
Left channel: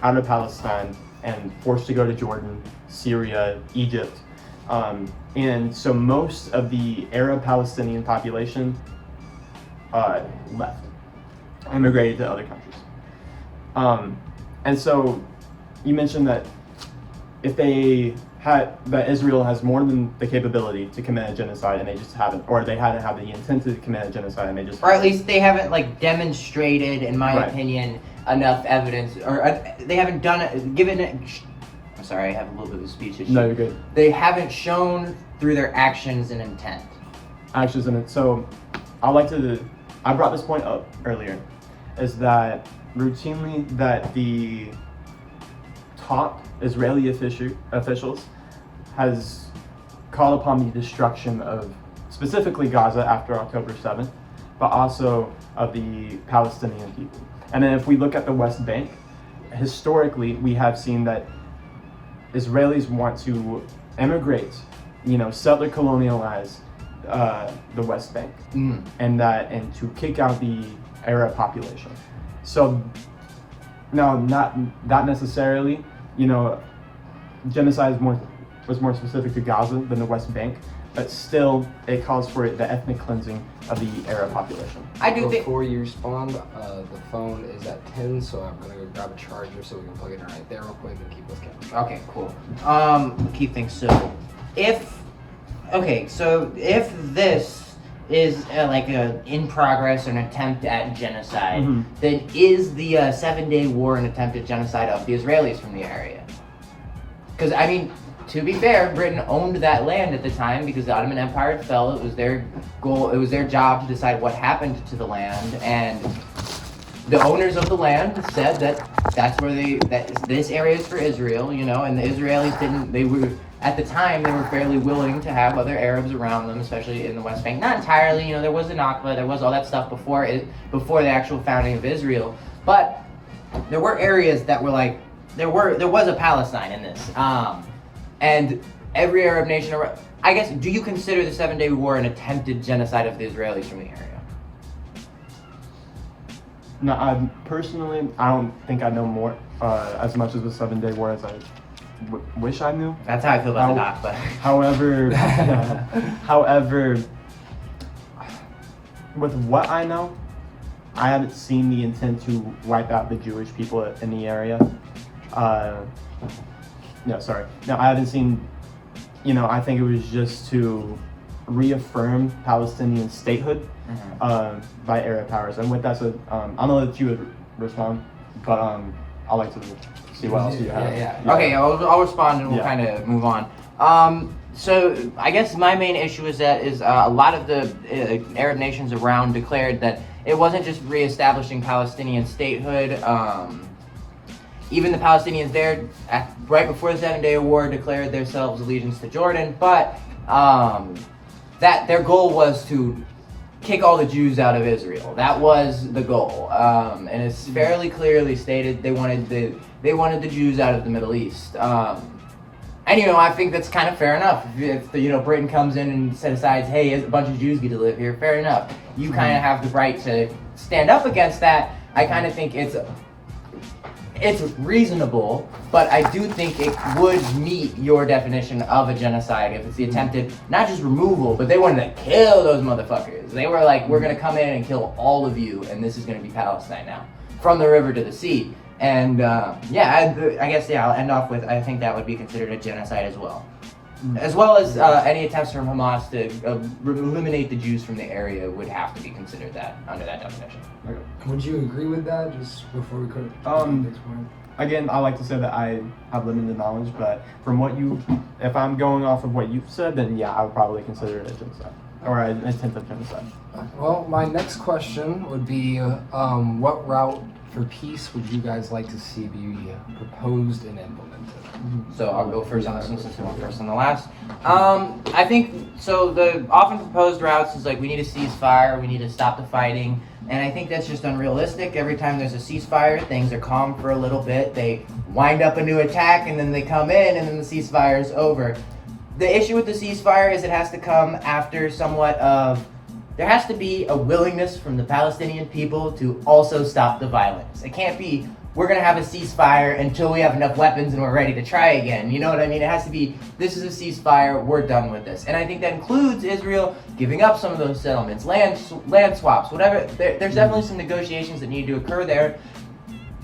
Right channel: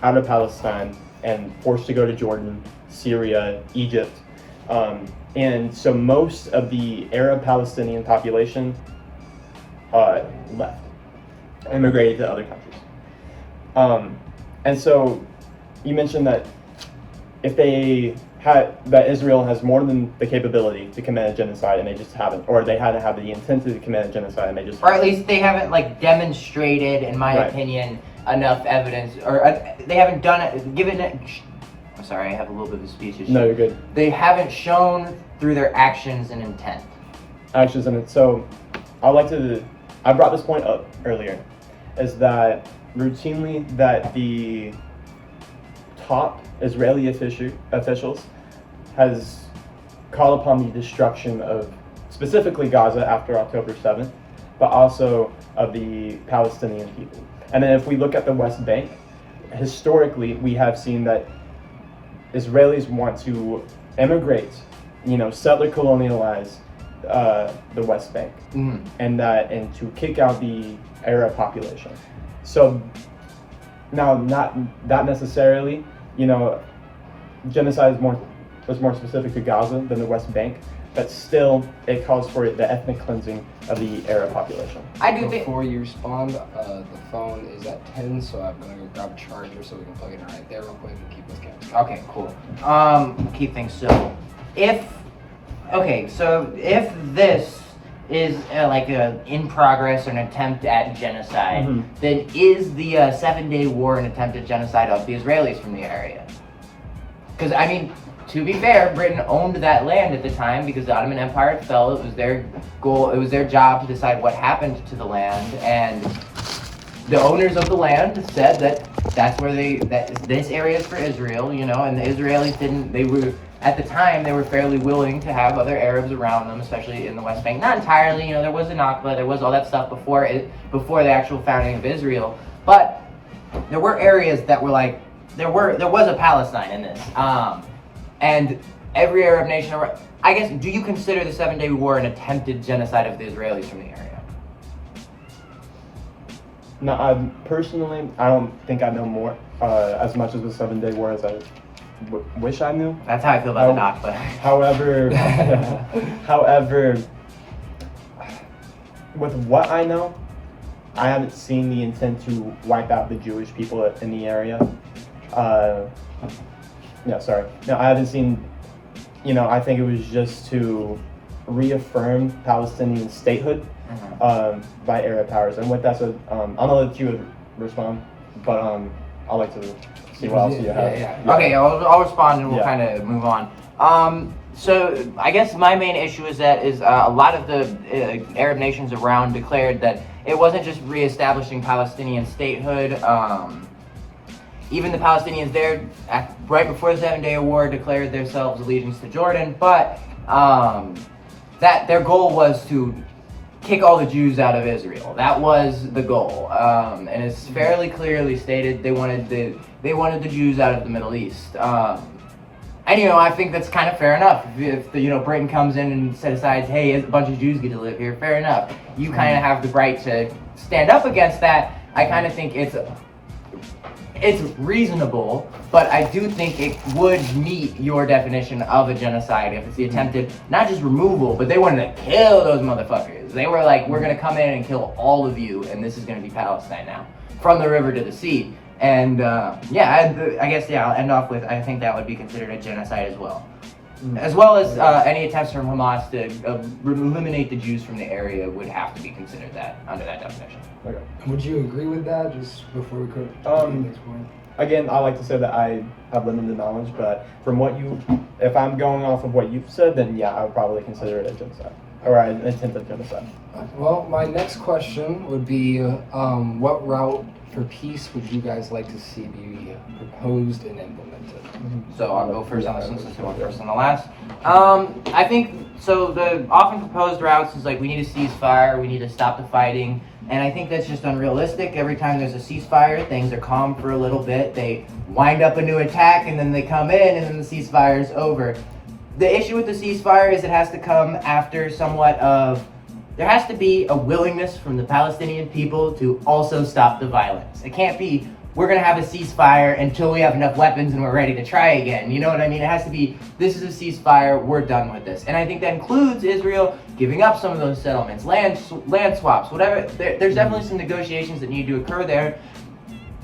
out of Palestine and forced to go to Jordan, Syria, Egypt. And so most of the Arab Palestinian population left, immigrated to other countries. And so you mentioned that that Israel has more than the capability to commit a genocide, and they just haven't, or they hadn't had the intent to commit a genocide, and they just, or at least they haven't like demonstrated, in my opinion, enough evidence, or they haven't done it, given it. I'm sorry, I have a little bit of a speech issue. No, you're good. They haven't shown through their actions and intent. So I brought this point up earlier, is that routinely that the top Israeli officials has called upon the destruction of specifically Gaza after October 7th, but also of the Palestinian people. And then if we look at the West Bank, historically we have seen that Israelis want to immigrate, settler colonialize the West Bank, and to kick out the Arab population. So now, not necessarily, genocide is more was more specific to Gaza than the West Bank, but still it calls for the ethnic cleansing of the Arab population. I do think. Before you respond, the phone is at 10, so I'm going to go grab a charger so we can plug it in right there real quick and keep this going. Okay, cool. Keep things so. If this is like a in progress or an attempt at genocide, then is the 7-day war an attempt at genocide of the Israelis from the area? Because I mean, to be fair, Britain owned that land at the time because the Ottoman Empire fell. It was their goal. It was their job to decide what happened to the land, and the owners of the land said that this area is for Israel, you know, and the Israelis didn't. They were at the time they were fairly willing to have other Arabs around them, especially in the West Bank. Not entirely, you know. There was the Nakba, there was all that stuff before the actual founding of Israel, but there were areas that were like there was a Palestine in this, and every Arab nation. I guess, do you consider the 7-Day War an attempted genocide of the Israelis from the area? No, I don't think I know more as much as the 7-Day War as I wish I knew. That's how I feel about the Nakba. However, with what I know, I haven't seen the intent to wipe out the Jewish people in the area. No, I haven't seen. You know, I think it was just to reaffirm Palestinian statehood by Arab powers. And with that said, I'm gonna let you respond, but I'd like to see what else you have. Yeah. Okay, I'll respond and we'll kind of move on. So I guess my main issue is that a lot of the Arab nations around declared that it wasn't just reestablishing Palestinian statehood. Even the Palestinians there, right before the 7-Day War, declared themselves allegiance to Jordan, but that their goal was to kick all the Jews out of Israel. That was the goal, and it's fairly clearly stated they wanted the Jews out of the Middle East. And I think that's kind of fair enough. If Britain comes in and decides, hey, a bunch of Jews get to live here, fair enough. You kind of have the right to stand up against that. I kind of think it's reasonable, but I do think it would meet your definition of a genocide if it's the attempted, not just removal, but they wanted to kill those motherfuckers. They were like, we're going to come in and kill all of you, and this is going to be Palestine now, from the river to the sea. And I guess I'll end off with, I think that would be considered a genocide as well. As well as any attempts from Hamas to eliminate the Jews from the area would have to be considered that under that definition. Okay. Would you agree with that, just before we could? Again, I like to say that I have limited knowledge, but from if I'm going off of what you've said, then yeah, I would probably consider it a genocide, or an attempt at genocide. Well, my next question would be, what route for peace would you guys like to see be proposed and implemented? So I'll go first on this one since I went first on the last. I think, so the often proposed routes is like, we need a ceasefire, we need to stop the fighting, and I think that's just unrealistic. Every time there's a ceasefire, things are calm for a little bit, they wind up a new attack, and then they come in, and then the ceasefire is over. The issue with the ceasefire is it has to come after there has to be a willingness from the Palestinian people to also stop the violence. It can't be, we're going to have a ceasefire until we have enough weapons and we're ready to try again. You know what I mean? It has to be, this is a ceasefire, we're done with this. And I think that includes Israel giving up some of those settlements, land swaps, whatever. There's definitely some negotiations that need to occur there.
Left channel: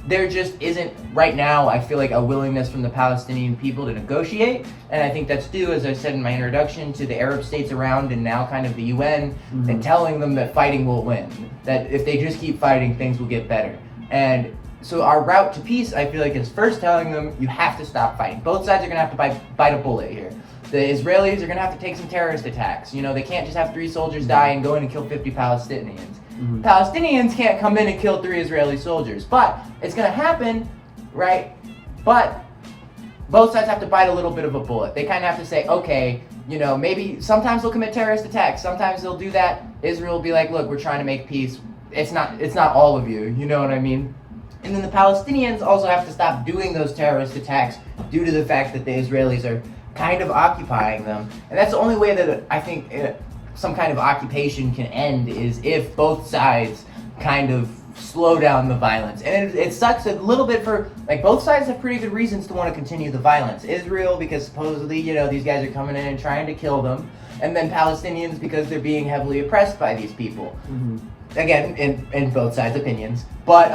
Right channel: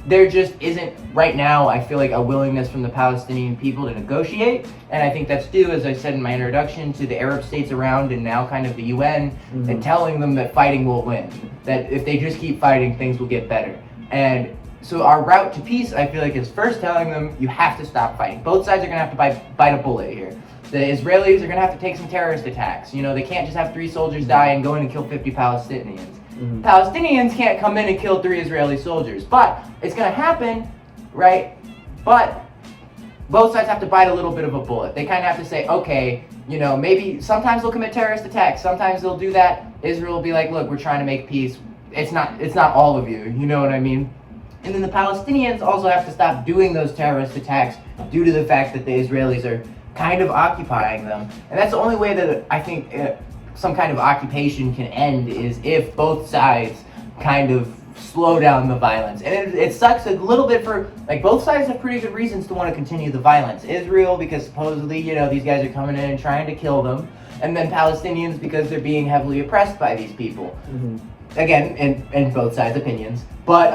There just isn't, right now, I feel like, a willingness from the Palestinian people to negotiate. And I think that's due, as I said in my introduction, to the Arab states around and now kind of the UN and telling them that fighting will win. That if they just keep fighting, things will get better. And so our route to peace, I feel like, is first telling them, you have to stop fighting. Both sides are going to have to bite a bullet here. The Israelis are going to have to take some terrorist attacks. They can't just have 3 soldiers die and go in and kill 50 Palestinians. Palestinians can't come in and kill 3 Israeli soldiers, but it's going to happen, right? But both sides have to bite a little bit of a bullet. They kind of have to say, okay, maybe sometimes they'll commit terrorist attacks. Sometimes they'll do that. Israel will be like, look, we're trying to make peace. It's not all of you. You know what I mean? And then the Palestinians also have to stop doing those terrorist attacks due to the fact that the Israelis are kind of occupying them. And that's the only way that I think some kind of occupation can end, is if both sides kind of slow down the violence. And it sucks a little bit for, like, both sides have pretty good reasons to want to continue the violence. Israel, because supposedly, these guys are coming in and trying to kill them. And then Palestinians, because they're being heavily oppressed by these people. Mm-hmm. Again, in both sides' opinions. But,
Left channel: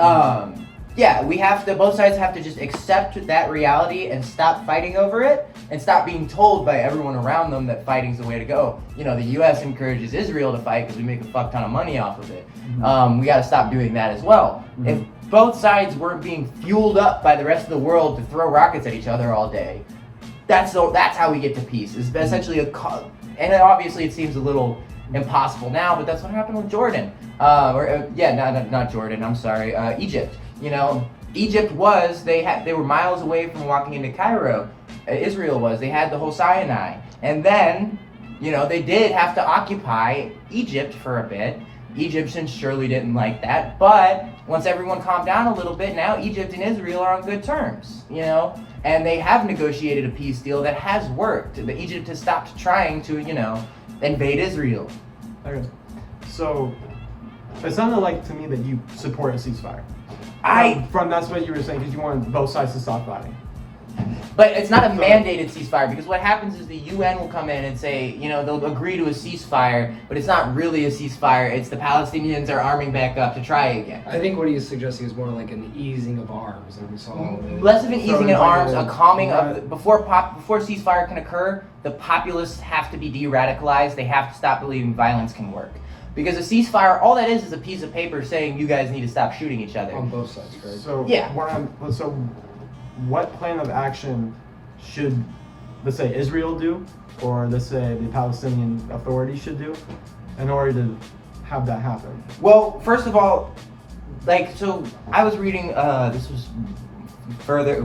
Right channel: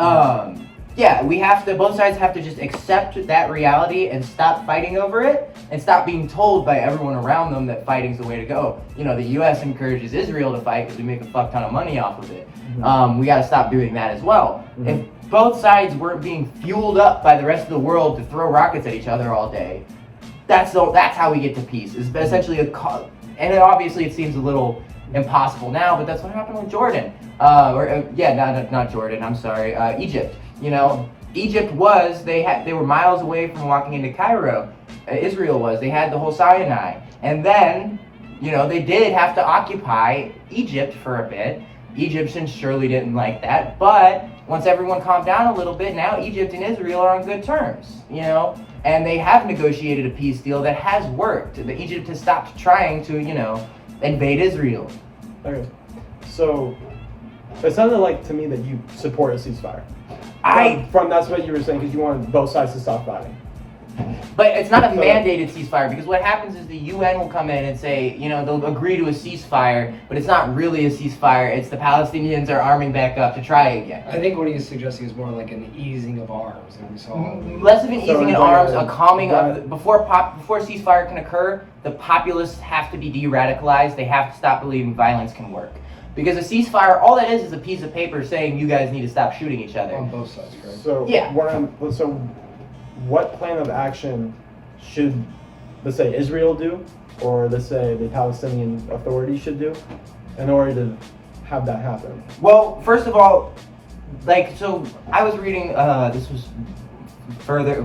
yeah, both sides have to just accept that reality and stop fighting over it and stop being told by everyone around them that fighting's the way to go. The U.S. encourages Israel to fight because we make a fuck ton of money off of it. Mm-hmm. We got to stop doing that as well. Mm-hmm. If both sides weren't being fueled up by the rest of the world to throw rockets at each other all day, that's how we get to peace. It's essentially and then obviously it seems a little impossible now, but that's what happened with Jordan. Not Jordan. I'm sorry, Egypt. Egypt they were miles away from walking into Cairo. Israel was. They had the whole Sinai, and then they did have to occupy Egypt for a bit. Egyptians surely didn't like that, but once everyone calmed down a little bit, now Egypt and Israel are on good terms, and they have negotiated a peace deal that has worked. Egypt has stopped trying to, invade Israel. Okay. So, it sounded like to me that you support a ceasefire. From that's what you were saying, because you want both sides to stop fighting. But it's not a mandated ceasefire, because what happens is the UN will come in and say, they'll agree to a ceasefire, but it's not really a ceasefire. It's the Palestinians are arming back up to try again. I think what he's suggesting is more like an easing of arms, and we saw less of an easing of arms, a calming right. of before ceasefire can occur. The populists have to be de-radicalized. They have to stop believing violence can work. Because a ceasefire, all that is a piece of paper saying you guys need to stop shooting each other. on both sides, correct? So Yeah. What plan of action should, let's say, Israel do, or let's say the Palestinian Authority should do, in order to have that happen? Well, first of all, I was reading, this was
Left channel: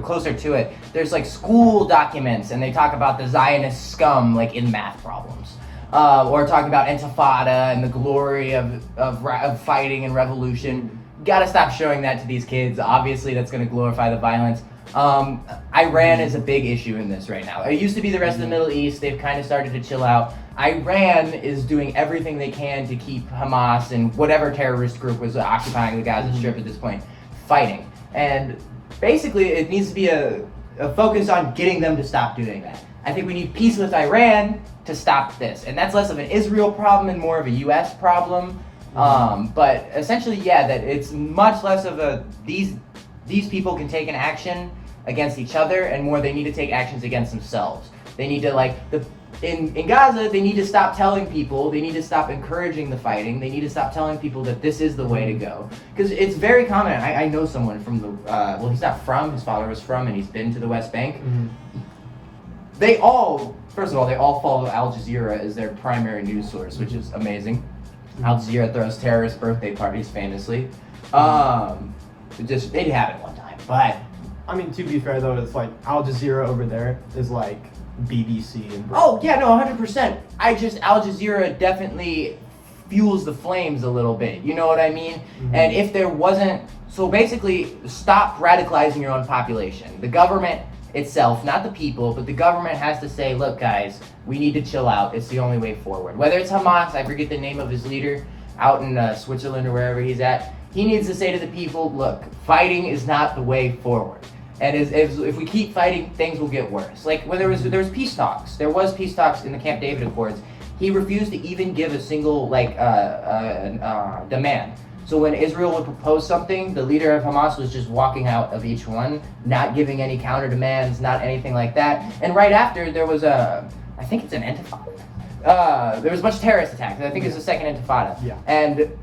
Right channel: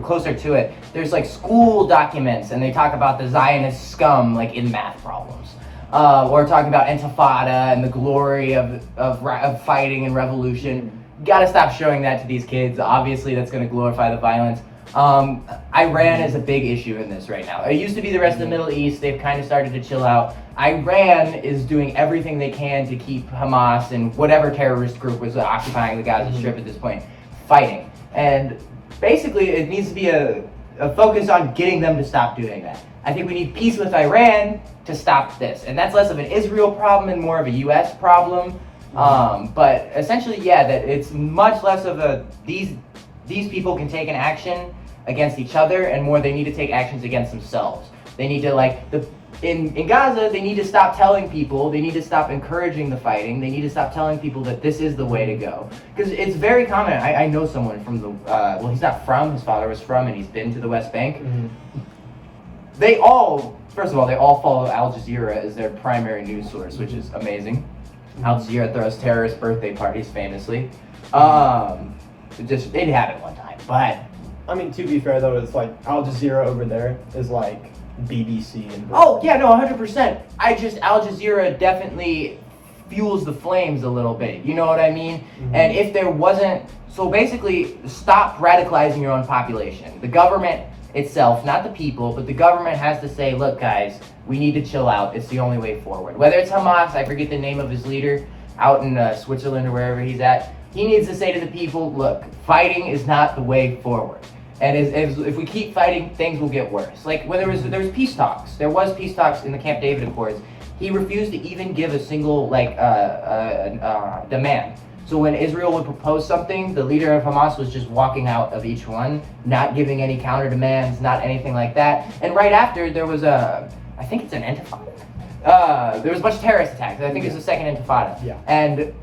closer to it. There's school documents, and they talk about the Zionist scum in math problems. Or talking about Intifada and the glory of fighting and revolution. Gotta stop showing that to these kids. Obviously, that's gonna glorify the violence. Iran is a big issue in this right now. It used to be the rest of the Middle East. They've kind of started to chill out. Iran is doing everything they can to keep Hamas and whatever terrorist group was occupying the Gaza Strip at this point fighting. And basically, it needs to be a focus on getting them to stop doing that. I think we need peace with Iran to stop this. And that's less of an Israel problem and more of a U.S. problem. But essentially, that it's much less of these people can take an action against each other, and more they need to take actions against themselves. They need to, in Gaza, they need to stop telling people, they need to stop encouraging the fighting, they need to stop telling people that this is the way to go. Because it's very common, I know someone from he's not from, his father was from, and he's been to the West Bank. Mm-hmm. They all follow Al Jazeera as their primary news source, which is amazing. Al Jazeera throws terrorist birthday parties famously. It happened one time, but I mean, to be fair though, it's Al Jazeera over there is BBC and oh yeah, no, 100%. Al Jazeera definitely fuels the flames a little bit. You know what I mean? Mm-hmm. And if there wasn't, so basically, stop radicalizing your own population. The government itself, not the people, but the government has to say, look guys, we need to chill out. It's the only way forward. Whether it's Hamas, I forget the name of his leader, out in Switzerland or wherever he's at, he needs to say to the people, look, fighting is not the way forward. And if we keep fighting, things will get worse. When there was peace talks, there was peace talks in the Camp David Accords. He refused to even give a single demand. So when Israel would propose something, the leader of Hamas was just walking out of each one, not giving any counter demands, not anything like that. And right after, there was I think it's an intifada. There was a bunch of terrorist attacks. I think it was the second intifada. Yeah. And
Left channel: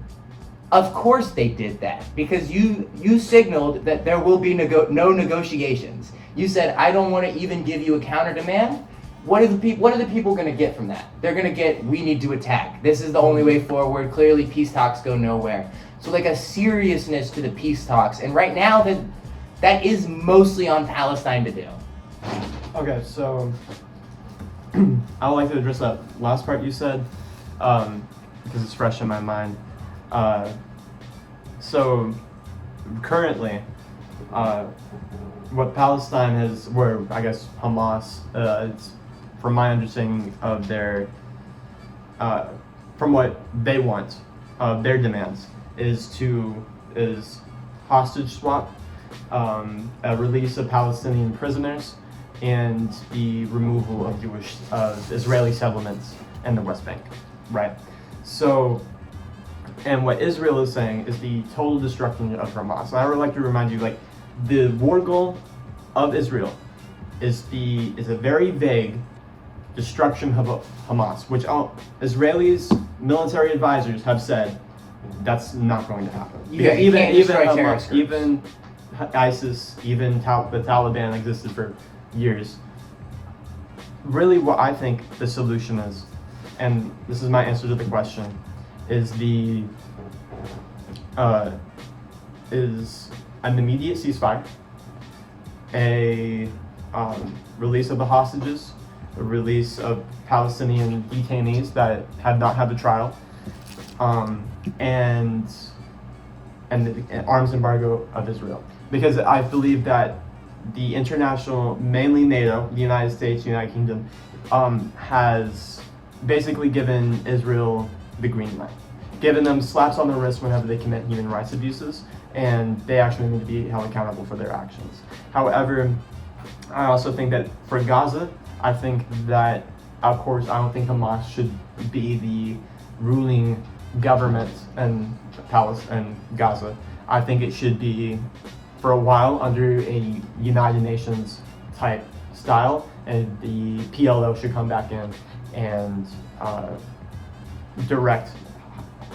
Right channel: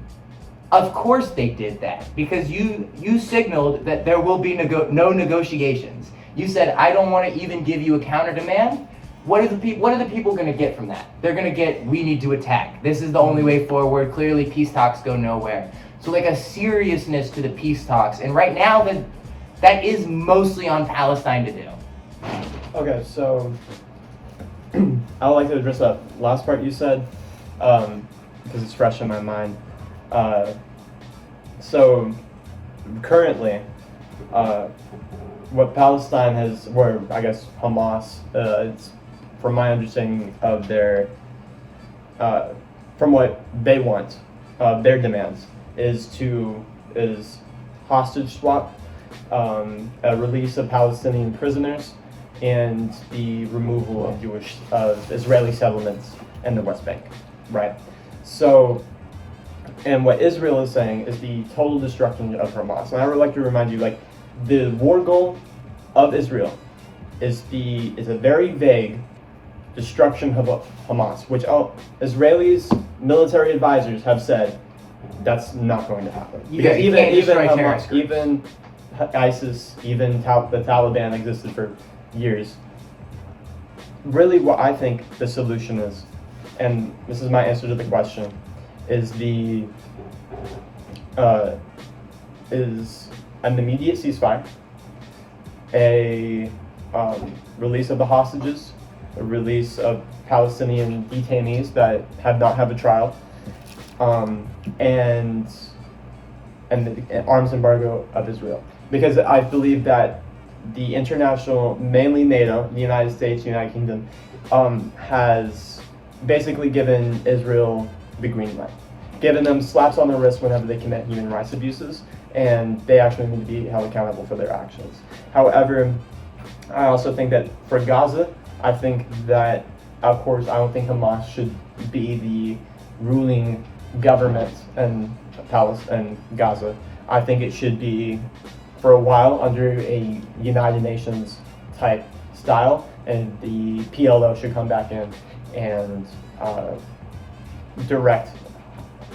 of course they did that, because you signaled that there will be no negotiations. You said, I don't want to even give you a counter demand. What are the people going to get from that? They're going to get, we need to attack. This is the only way forward. Clearly, peace talks go nowhere. So a seriousness to the peace talks. And right now, that is mostly on Palestine to do. Okay, so I would like to address that last part you said, because it's fresh in my mind. So currently, what Palestine has, where I guess Hamas, it's from my understanding of their, from what they want, their demands is to is hostage swap, a release of Palestinian prisoners, and the removal of Israeli settlements in the West Bank, right? So, and what Israel is saying is the total destruction of Hamas. And I would like to remind you, like, the war goal of Israel is a very vague destruction of Hamas, which Israelis military advisors have said that's not going to happen. Because even Hamas, even ISIS, even the Taliban existed for years. Really, what I think the solution is, and this is my answer to the question, is an immediate ceasefire, a release of the hostages, a release of Palestinian detainees that have not had the trial, and the arms embargo of Israel. Because I believe that the international, mainly NATO, the United States, United Kingdom, has basically given Israel the green light, given them slaps on the wrist whenever they commit human rights abuses, and they actually need to be held accountable for their actions. However, I also think that for Gaza, I think that, of course, I don't think Hamas should be the ruling government in Gaza. I think it should be, for a while, under a United Nations type style, and the PLO should come back in and direct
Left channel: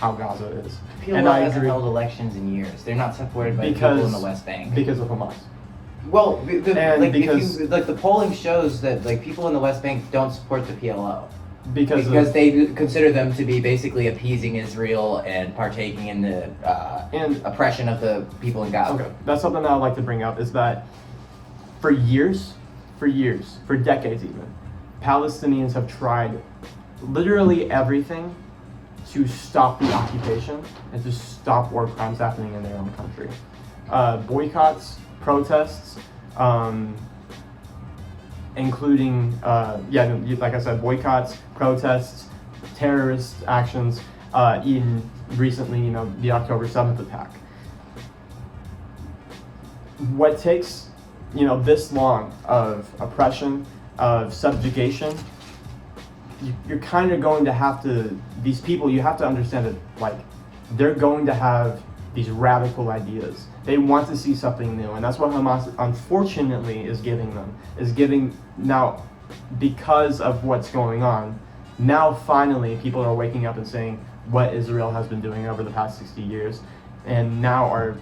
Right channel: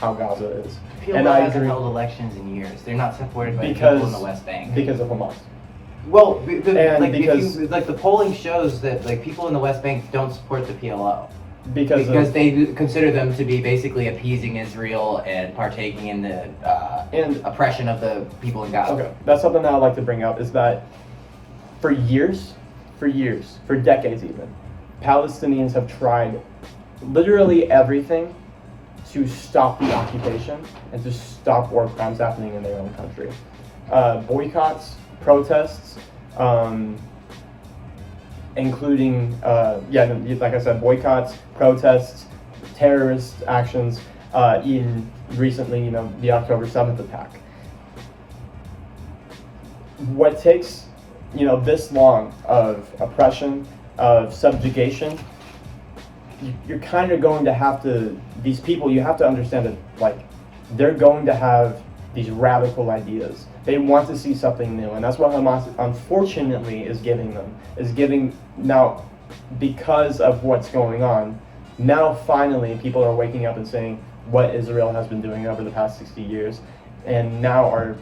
how Gaza is. PLO and I hasn't agree, held elections in years. They're not supported by because people in the West Bank. Because of Hamas. Well, because the polling shows that like people in the West Bank don't support the PLO because they consider them to be basically appeasing Israel and partaking in the oppression of the people in Gaza. Okay, that's something that I'd like to bring up, is that for years, for decades even, Palestinians have tried literally everything to stop the occupation and to stop war crimes happening in their own country. Boycotts, protests, including, like I said, boycotts, protests, terrorist actions, even recently, the October 7th attack. What takes, this long of oppression, of subjugation, you're kind of going to have to, these people, you have to understand that, like, they're going to have these radical ideas. They want to see something new, and that's what Hamas, unfortunately, is giving now, because of what's going on. Now, finally, people are waking up and saying what Israel has been doing over the past 60 years, and now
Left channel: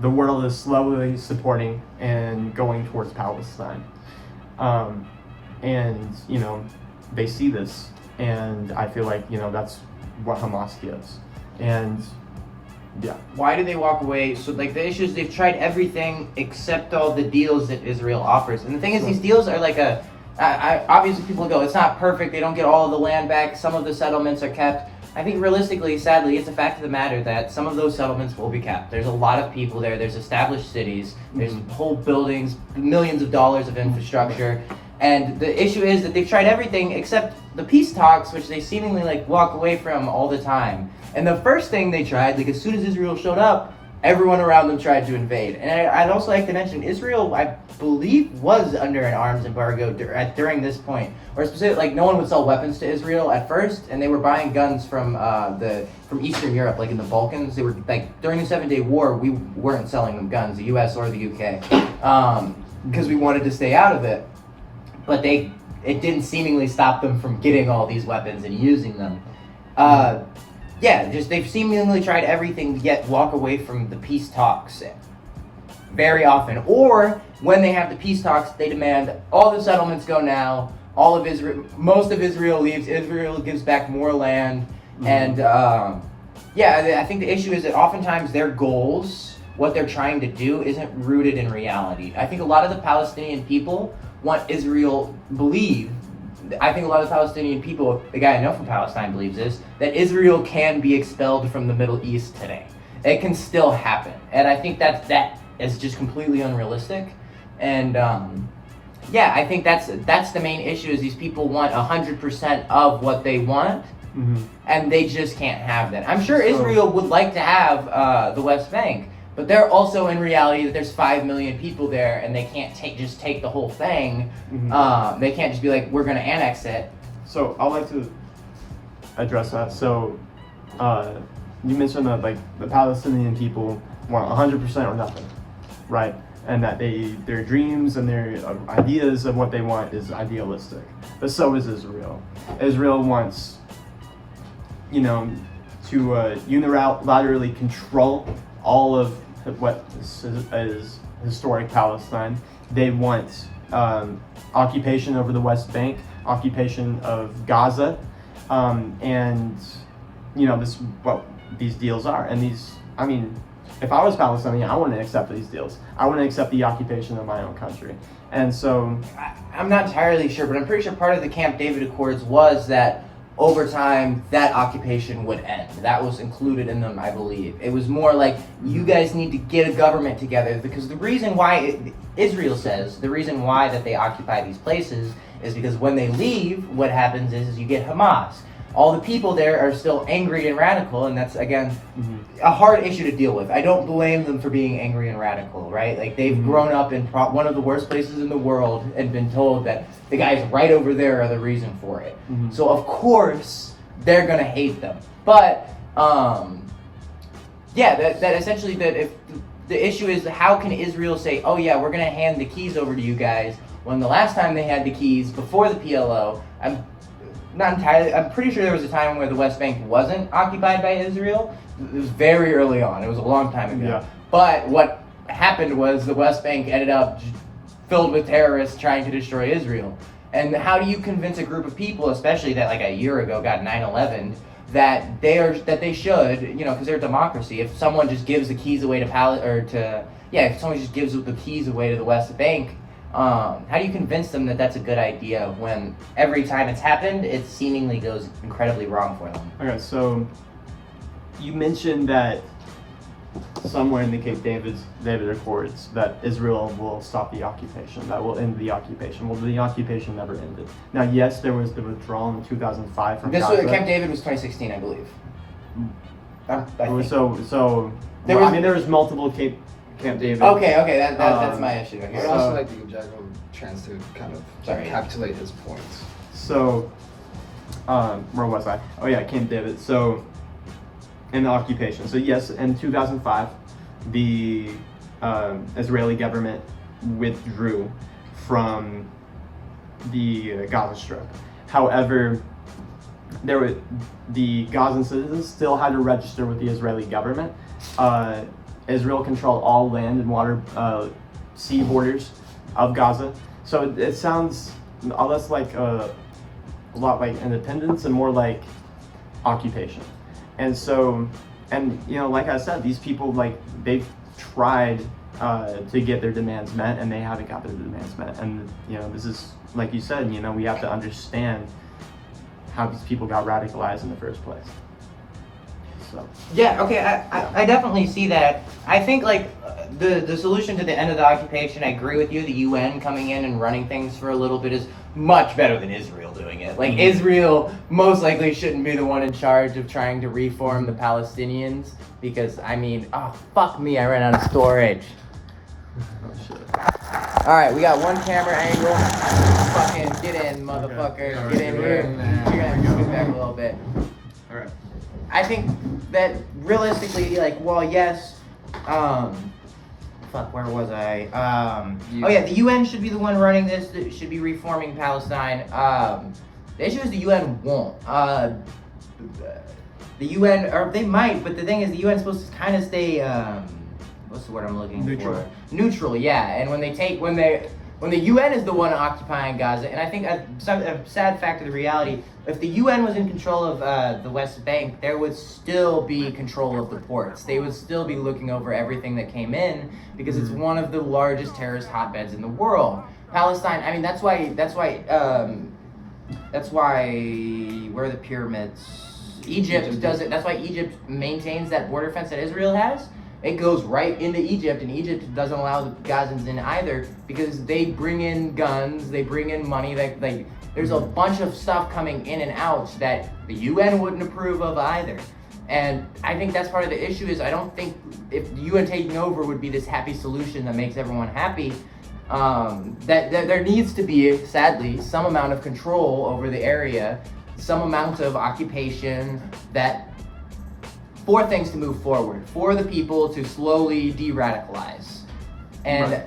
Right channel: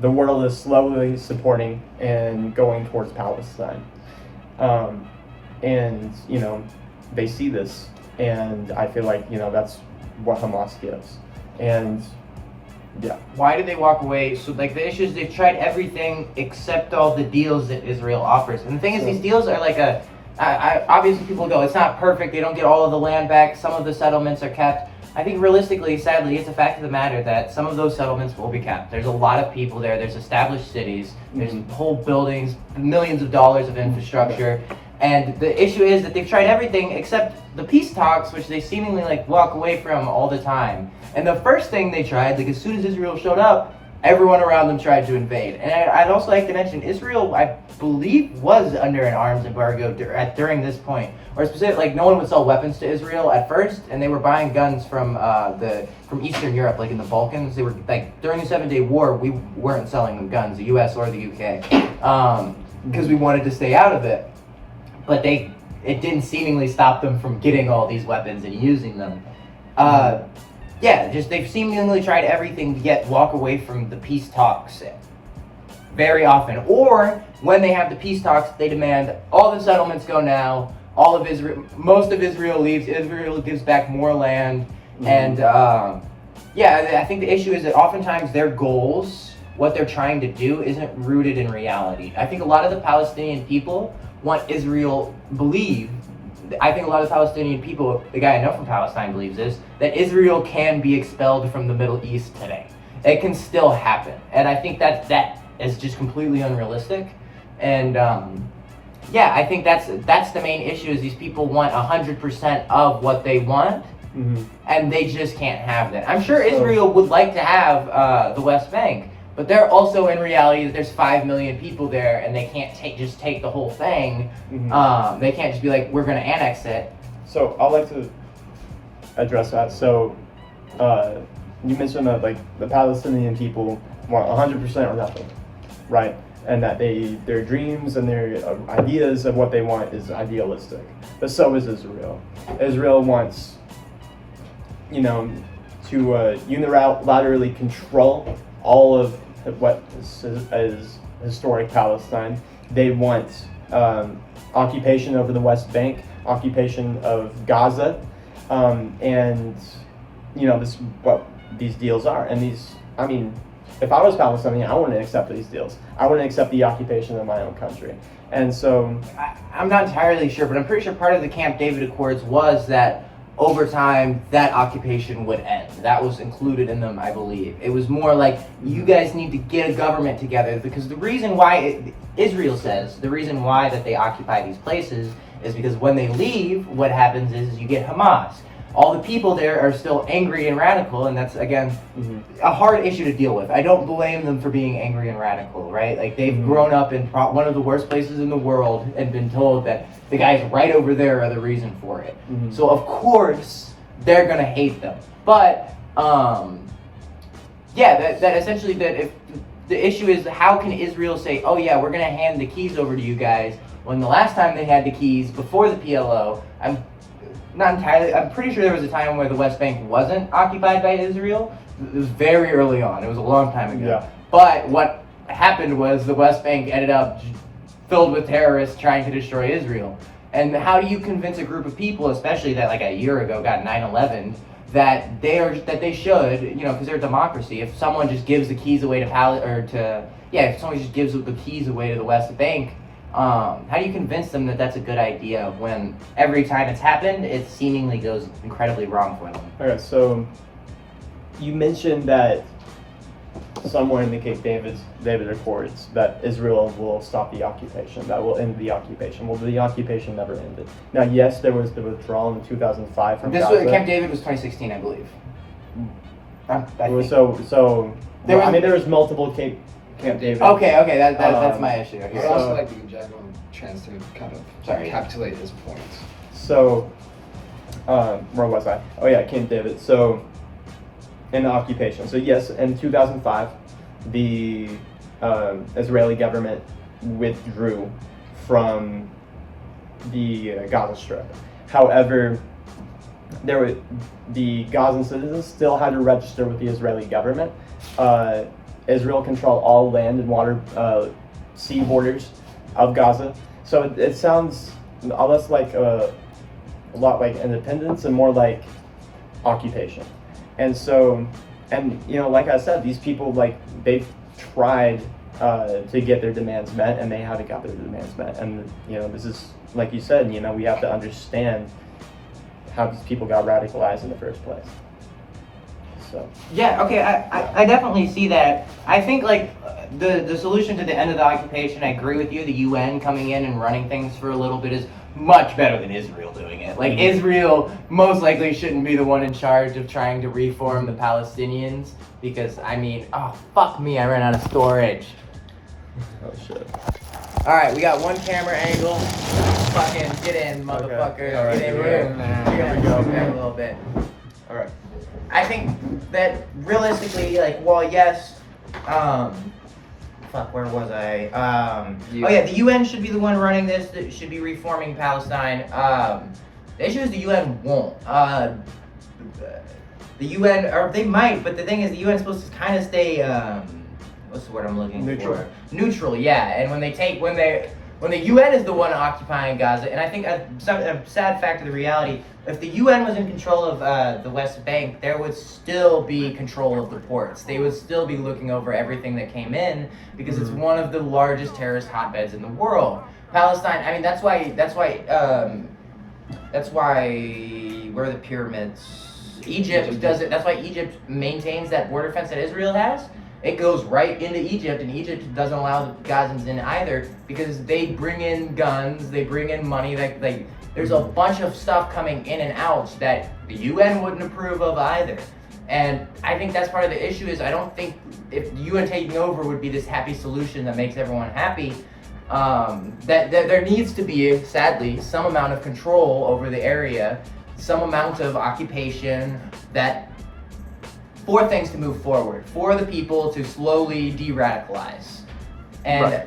the world is slowly supporting and going towards Palestine. And, they see this, and I feel like, that's what Hamas gives. And yeah. Why do they walk away? So, like, the issue is they've tried everything except all the deals that Israel offers. And the thing is, these deals are like obviously people go, it's not perfect, they don't get all of the land back, some of the settlements are kept. I think realistically, sadly, it's a fact of the matter that some of those settlements will be kept. There's a lot of people there, there's established cities, there's whole buildings, millions of dollars of infrastructure. And the issue is that they've tried everything except the peace talks, which they seemingly like walk away from all the time. And the first thing they tried, like as soon as Israel showed up, everyone around them tried to invade. And I'd also like to mention Israel, I believe, was under an arms embargo during this point. Or specifically, like no one would sell weapons to Israel at first, and they were buying guns from Eastern Europe, like in the Balkans. They were like during the 7-Day War, we weren't selling them guns, the U.S. or the UK, because we wanted to stay out of it. But it didn't seemingly stop them from getting all these weapons and using them. They've seemingly tried everything yet walk away from the peace talks very often. Or when they have the peace talks, they demand all the settlements go now, most of Israel leaves, Israel gives back more land. And I think the issue is that oftentimes their goals, what they're trying to do, isn't rooted in reality. I think a lot of the Palestinian people want Israel I think a lot of Palestinian people, the guy I know from Palestine believes this, that Israel can be expelled from the Middle East today. It can still happen. And I think that is just completely unrealistic. And I think that's the main issue, is these people want 100% of what they want, and they just can't have that. I'm sure Israel would like to have the West Bank, but they're also in reality that there's 5 million people there, and they can't take the whole thing. They can't just be like, we're going to annex it. So I'd like to address that. So you mentioned that like the Palestinian people want 100% or nothing, right? And that their dreams and their ideas of what they want is idealistic. But so is Israel. Israel wants, to unilaterally control all of what is historic Palestine. They want occupation over the West Bank, occupation of Gaza, and this what these deals are. And if I was Palestinian, I wouldn't accept these deals. I wouldn't accept the occupation of my own country. And so I'm not entirely sure, but I'm pretty sure part of the Camp David Accords was that over time that occupation would end. That was included in them, I believe. It was more like, you guys need to get a government together, because the reason why Israel says the reason why that they occupy these places is because when they leave, what happens is you get Hamas. All the people there are still angry and radical, and that's, again, a hard issue to deal with. I don't blame them for being angry and radical, right? Like, they've grown up in one of the worst places in the world and been told that the guys right over there are the reason for it. So, of course, they're going to hate them. But, that essentially, that if the issue is, how can Israel say, oh, yeah, we're going to hand the keys over to you guys, when the last time they had the keys, before the PLO, I'm pretty sure there was a time where the West Bank wasn't occupied by Israel. It was very early on. It was a long time ago. Yeah. But what happened was the West Bank ended up filled with terrorists trying to destroy Israel. And how do you convince a group of people, especially that like a year ago got 9/11, that they should, because they're a democracy. If someone just gives the keys away if someone just gives the keys away to the West Bank, how do you convince them that that's a good idea when every time it's happened, it seemingly goes incredibly wrong for them? Okay, so you mentioned that somewhere in the Camp David Accords that Israel will stop the occupation, that will end the occupation. Well, the occupation never ended. Now, yes, there was the withdrawal in 2005 from Gaza. Camp David was 2016, I believe. There was multiple Camp David. Okay, that's my issue. I would also like to give Jack a chance to kind of encapsulate his points. So, where was I? Oh yeah, Camp David. So, in the occupation. So yes, in 2005, the Israeli government withdrew from the Gaza Strip. However, the Gazan citizens still had to register with the Israeli government. Israel controlled all land and water, sea borders of Gaza. So it sounds less like a lot like independence and more like occupation. And so, like I said, these people, they've tried to get their demands met, and they haven't got their demands met. And, this is, like you said, we have to understand how these people got radicalized in the first place. So. Yeah, okay, I definitely see that. I think, the solution to the end of the occupation, I agree with you, the UN coming in and running things for a little bit is much better than Israel doing it. Israel most likely shouldn't be the one in charge of trying to reform the Palestinians, because, fuck me, I ran out of storage. Oh, shit. Alright, we got one camera angle. Fucking get in, motherfucker. Okay. Right, get in here. There we go. Okay, a little bit. Alright. I think that realistically, yes, where was I? The UN should be the one running this. It should be reforming Palestine. The issue is the UN won't. The UN, or they might, but the thing is, the UN is supposed to kind of stay, what's the word I'm looking for? Neutral, yeah. And when the UN is the one occupying Gaza, and I think a sad fact of the reality, if the UN was in control of the West Bank, there would still be control of the ports. They would still be looking over everything that came in, because it's one of the largest terrorist hotbeds in the world. Palestine, that's why where are the pyramids? Egypt does it. That's why Egypt maintains that border fence that Israel has, It goes right into Egypt, and Egypt doesn't allow the Gazans in either because they bring in guns, they bring in money. Like there's a bunch of stuff coming in and out that the UN wouldn't approve of either. And I think that's part of the issue is I don't think if UN taking over would be this happy solution that makes everyone happy. That there needs to be, sadly, some amount of control over the area, some amount of occupation that for things to move forward, for the people to slowly de-radicalize. And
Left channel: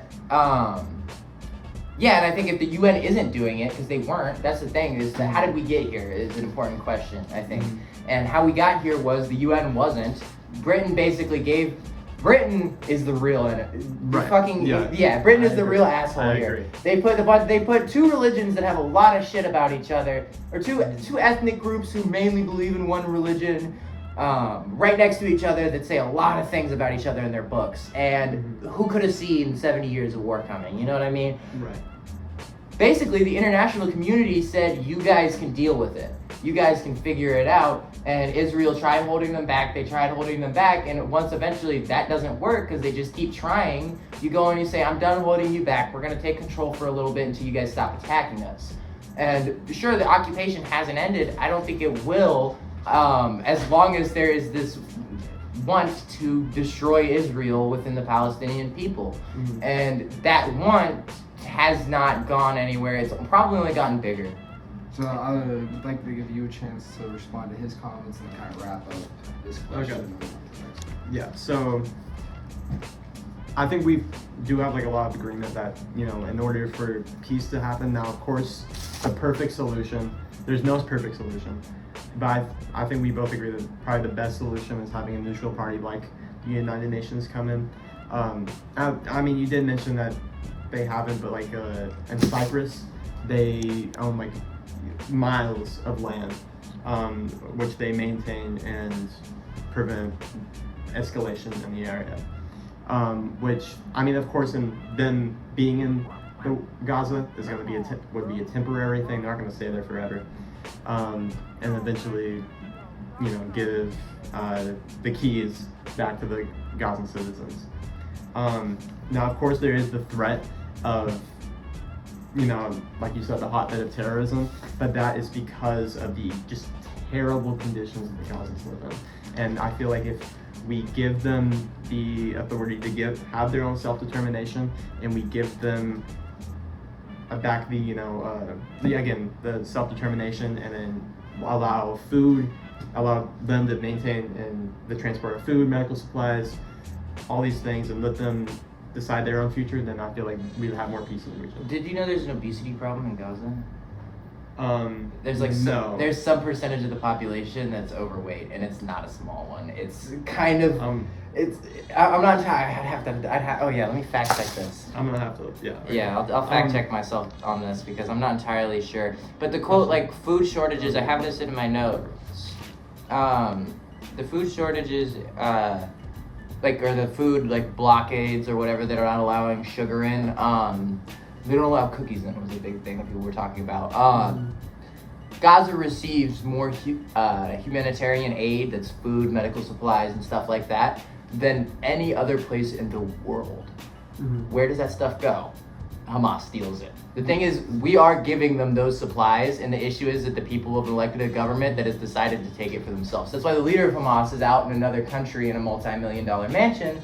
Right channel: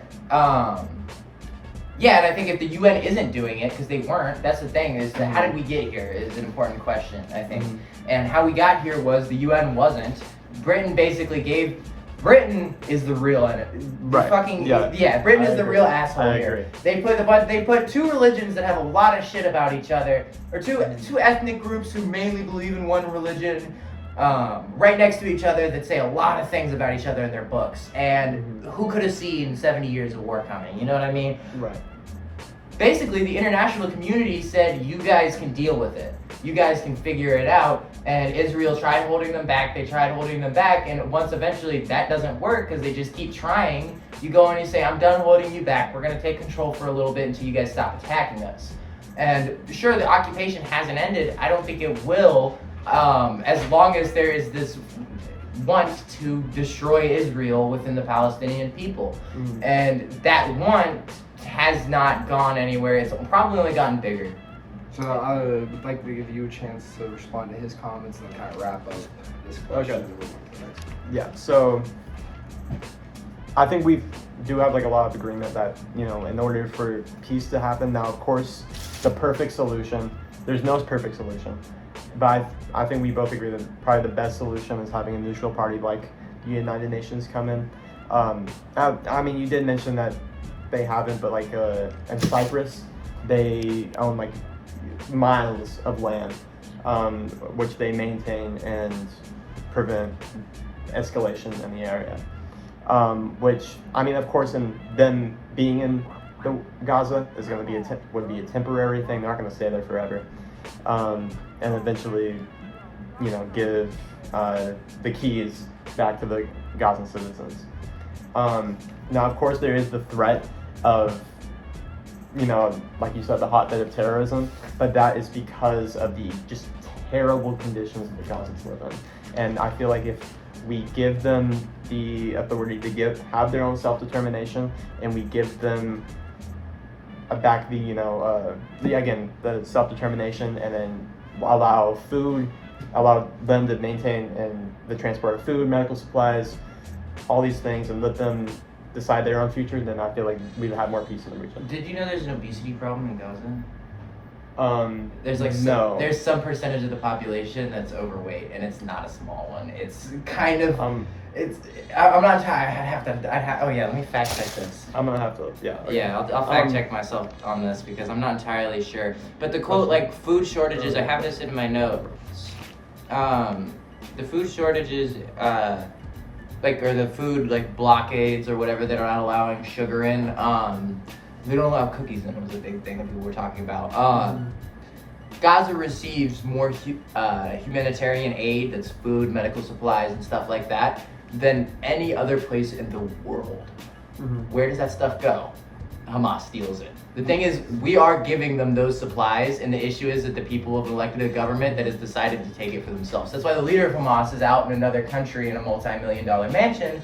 yeah, and I think if the UN isn't doing it, because they weren't, that's the thing, is that how did we get here is an important question, I think. And how we got here was the UN wasn't. Britain basically gave, Britain is the real, Right. fucking, Yeah. Britain I is the agree. real asshole I here. agree. They put two religions that have a lot of shit about each other, or two ethnic groups who mainly believe in one religion, right next to each other that say a lot of things about each other in their books. And who could have seen 70 years of war coming? You know what I mean? Right. Basically, the international community said, you guys can deal with it. You guys can figure it out. And Israel tried holding them back. They tried holding them back. And once eventually that doesn't work because they just keep trying, you go and you say, I'm done holding you back. We're going to take control for a little bit until you guys stop attacking us. And sure, the occupation hasn't ended. I don't think it will, as long as there is this want to destroy Israel within the Palestinian people. And that want has not gone anywhere. It's probably only gotten bigger. So I would like to give you a chance to respond to his comments and then kind of wrap up this question and move on to the next one. Yeah, so I think we do have like a lot of agreement that, you know, in order for peace to happen, now of course the perfect solution, there's no perfect solution, but I think we both agree that probably the best solution is having a neutral party like the United Nations come in. I mean, you did mention that they haven't, but like in Cyprus, they own like miles of land, which they maintain and prevent escalation in the area. Which, I mean, of course, in them being in the Gaza is going to be would be a temporary thing. They're not going to stay there forever, and eventually, you know, give the keys back to the Gazan citizens. Now, of course, there is the threat of, you know, like you said, the hotbed of terrorism, but that is because of the just terrible conditions the Gazans live in. And I feel like if we give them the authority to have their own self-determination, and we give them back the, you know, the self-determination, and then allow them to maintain and the transport of food, medical supplies, all these things, and let them decide their own future, then I feel like we'd have more peace in the region. Did you know there's an obesity problem in Gaza? There's like no. There's some percentage of the population that's overweight, and it's not a small one. It's kind of I'm not. Oh yeah, let me fact check this. I'm gonna have to. Yeah. Okay. Yeah, I'll fact check myself on this because I'm not entirely sure. But the quote, like food shortages, I have this in my notes. The food shortages, or the food like blockades or whatever that are not allowing sugar in. They don't allow cookies in, was a big thing that people were talking about. Gaza receives more humanitarian aid, that's food, medical supplies, and stuff like that, than any other place in the world. Where does that stuff go? Hamas steals it. The thing is, we are giving them those supplies, and the issue is that the people have elected a government that has decided to take it for themselves. That's why the leader of Hamas is out in another country in a multi-million-dollar mansion.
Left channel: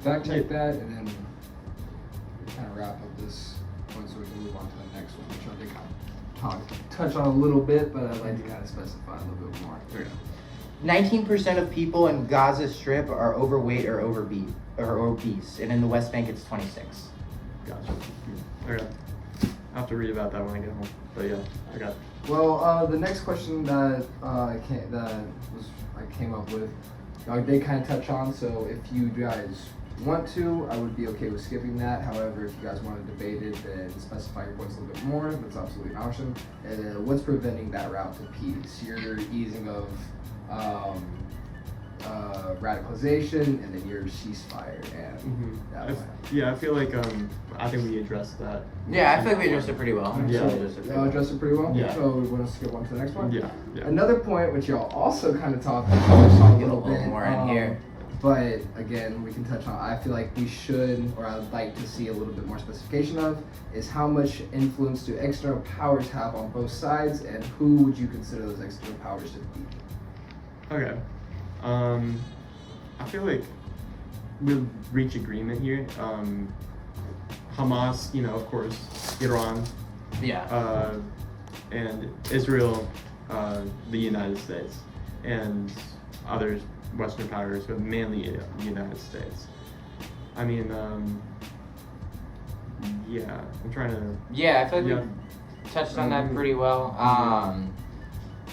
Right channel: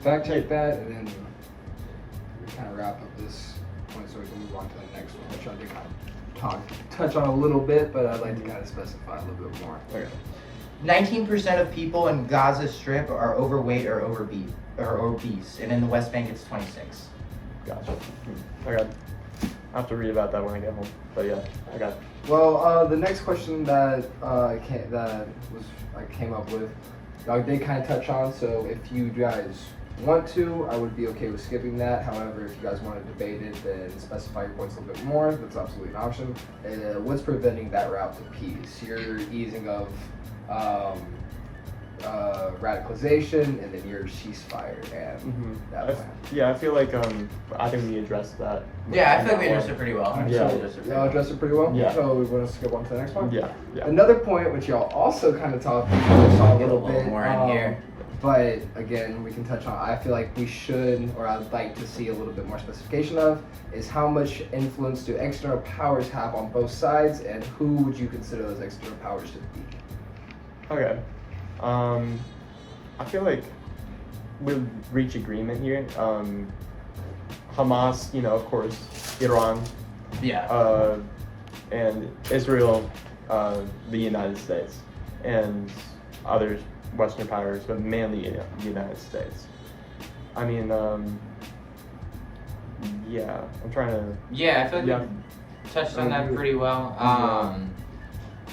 Fact check that, and then we kind of wrap up this point so we can move on to the next one, which I did kind of touch on a little bit, but I'd like to kind of specify a little bit more. 19% of people in Gaza Strip are overweight or obese, and in the West Bank it's 26. Gotcha. I have to read about that when I get home. But yeah, I got it. Well, the next question that I came up with, I did kind of touch on. So if you guys want to, I would be okay with skipping that. However, if you guys want to debate it and specify your points a little bit more, that's absolutely an option. What's preventing that route to peace? Your easing of radicalization, and then your ceasefire and that plan. Yeah, I feel like I think we addressed that. Yeah, I feel like we addressed it pretty well. Yeah. Y'all addressed it pretty well? Yeah. So we want to skip on to the next one? Yeah. Another point which y'all also kind of touched on a little bit. More in here. But again, we can touch on. I feel like we should, or I'd like to see a little bit more specification of, is how much influence do external powers have on both sides, and who would you consider those external powers to be? Okay. I feel like we'll reach agreement here. Hamas, of course, Iran, Yeah. and Israel, the United States, and other Western powers, but mainly the United States. I mean, yeah, I'm trying to. Yeah, I feel like Yeah. we touched on that pretty well.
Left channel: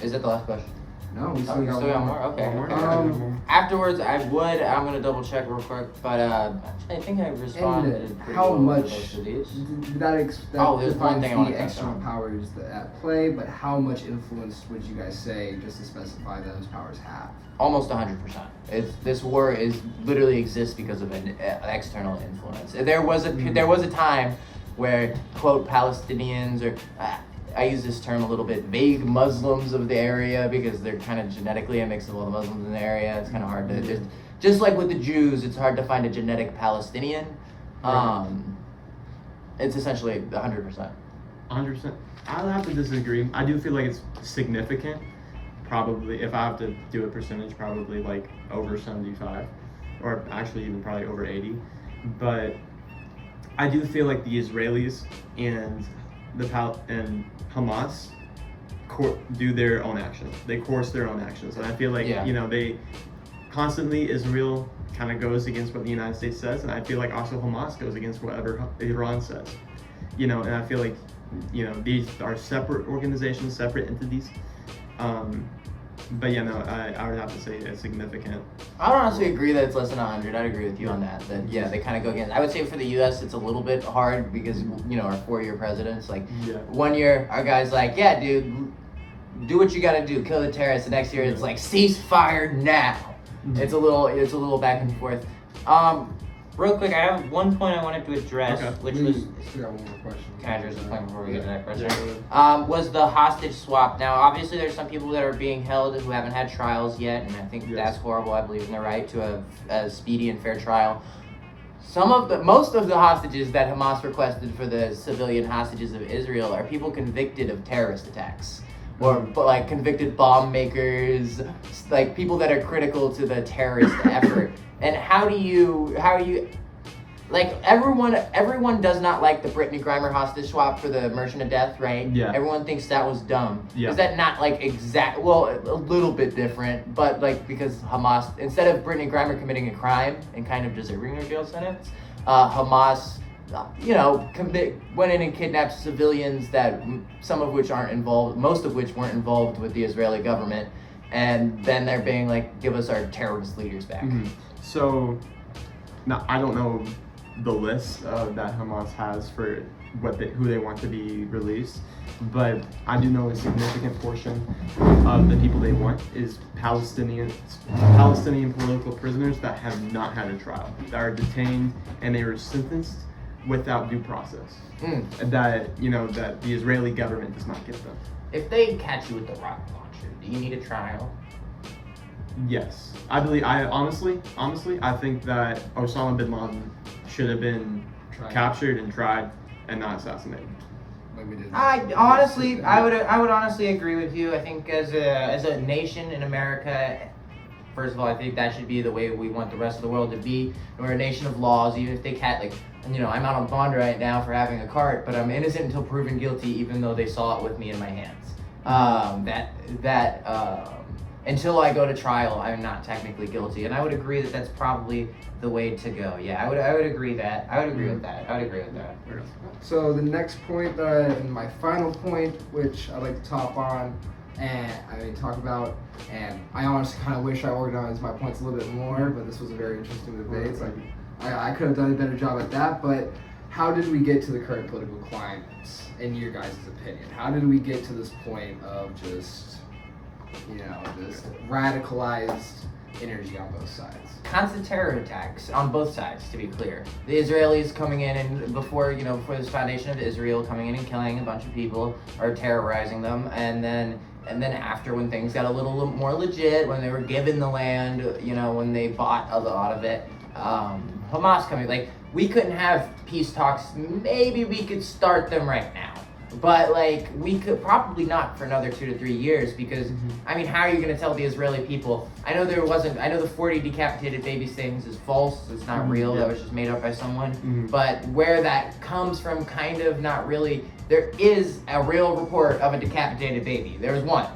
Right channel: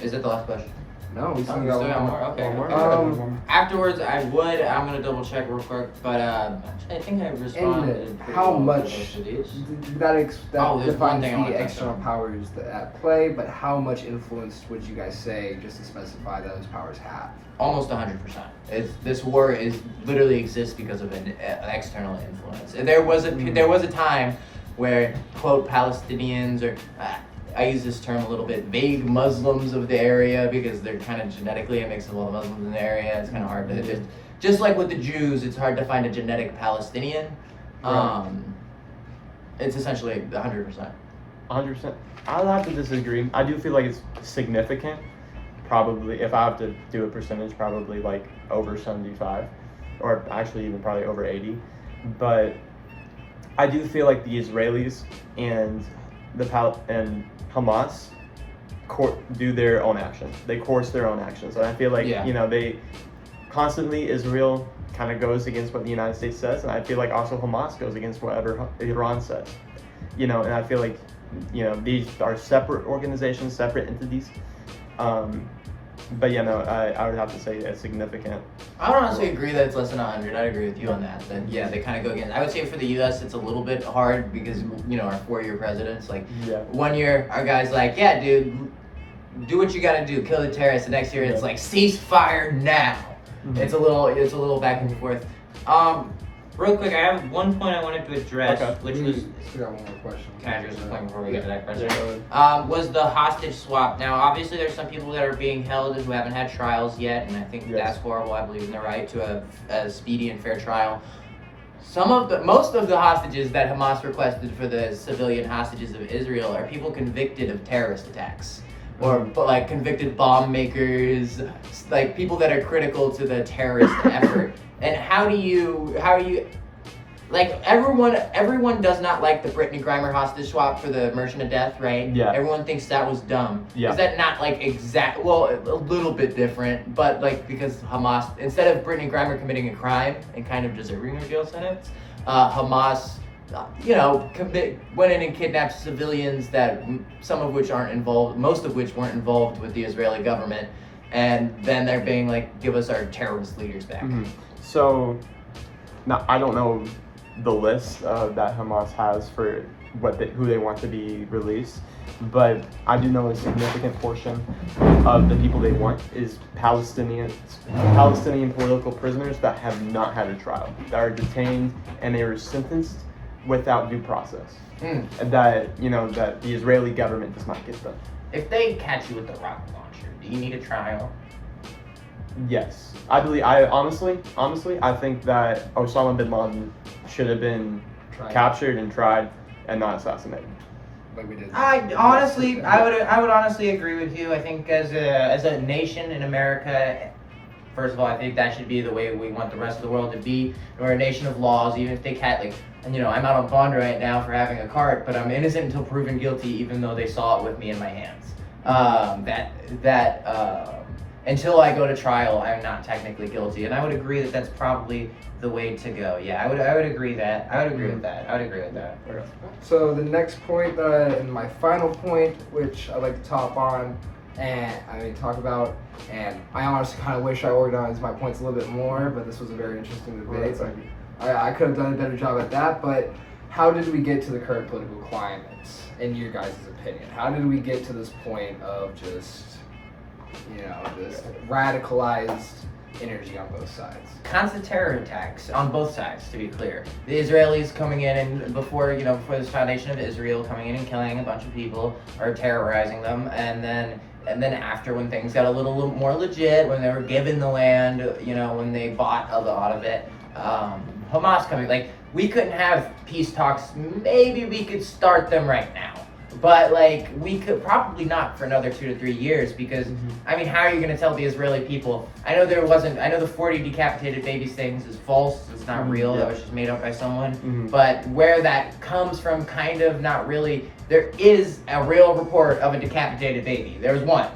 Is it the last question? No, we still Oh, we got still got one more? more. Okay. One more? Afterwards, I'm gonna double check real quick, but actually, I think I responded. And pretty how well much to most of these. that Oh, there's one defines thing I wanna the touch external on. powers that at play, but how much influence would you guys say, just to specify, those powers have? Almost 100%. This war literally exists because of an external influence. There was a time where, quote, Palestinians, or I use this term a little bit, vague Muslims of the area, because they're kind of genetically a mix of all the Muslims in the area. It's kind of hard to just like with the Jews, it's hard to find a genetic Palestinian. It's essentially 100%. 100%. I'll have to disagree. I do feel like it's significant. Probably, if I have to do a percentage, probably like over 75, or actually even probably over 80. But I do feel like the Israelis and and Hamas do their own actions. They course their own actions, and I feel like they constantly, Israel kind of goes against what the United States says, and I feel like also Hamas goes against whatever Iran says. And I feel like these are separate organizations, separate entities. But I would have to say it's significant. I would honestly agree that it's less than 100. I'd agree with you on that. That they kind of go against. I would say for the U.S. it's a little bit hard because our 4-year presidents. Like 1 year our guy's like, yeah, dude, do what you got to do, kill the terrorists. The next year it's like ceasefire now. Mm-hmm. It's a little back and forth. Real quick, I have one point I wanted to address, which was. Still got one more question. Can I address this point before we get to that question? Yeah. Was the hostage swap. Now, obviously, there's some people that are being held who haven't had trials yet, and I think that's horrible. I believe in the right to a speedy and fair trial. Most of the hostages that Hamas requested for the civilian hostages of Israel are people convicted of terrorist attacks, or like convicted bomb makers, like people that are critical to the terrorist effort. And how are you? Like everyone does not like the Brittany Griner hostage swap for the immersion of death, right? Yeah. Everyone thinks that was dumb. Yeah. Is that not like a little bit different, but like because Hamas, instead of Brittany Griner committing a crime and kind of deserving a jail sentence, Hamas, went in and kidnapped civilians that most of which weren't involved with the Israeli government, and then they're being like, give us our terrorist leaders back. Mm-hmm. So, now I don't know the list that Hamas has for who they want to be released, but I do know a significant portion of the people they want is Palestinian political prisoners that have not had a trial, that are detained and they were sentenced without due process. That the Israeli government does not give them. If they catch you with a rocket launcher, do you need a trial? Yes, honestly, I think that Osama bin Laden should have been captured and tried and not assassinated. Like we did. I would honestly agree with you. I think as a nation in America, first of all, I think that should be the way we want the rest of the world to be. We're a nation of laws. Even if they can't, I'm out on bond right now for having a cart, but I'm innocent until proven guilty, even though they saw it with me in my hands. Until I go to trial, I'm not technically guilty, and I would agree that that's probably the way to go. Yeah, I would agree that. I would agree with that. So the next point, and my final point, which I'd like to top on, and talk about, and I honestly kind of wish I organized my points a little bit more, but this was a very interesting debate. So I could have done a better job at that. But how did we get to the current political climate, in your guys' opinion? How did we get to this point of just this radicalized energy on both sides? Constant terror attacks on both sides, to be clear. The Israelis coming in and before this foundation of Israel coming in and killing a bunch of people or terrorizing them, and then and then after, when things got a little more legit, when they were given the land, when they bought a lot of it, Hamas coming, like, we couldn't have peace talks. Maybe we could start them right now, but like, we could probably not for another 2 to 3 years, because I mean, how are you going to tell the Israeli people? I know the 40 decapitated babies things is false. It's not real. Yeah. That was just made up by someone. But where that comes from, kind of not really. There is a real report of a decapitated baby. There was one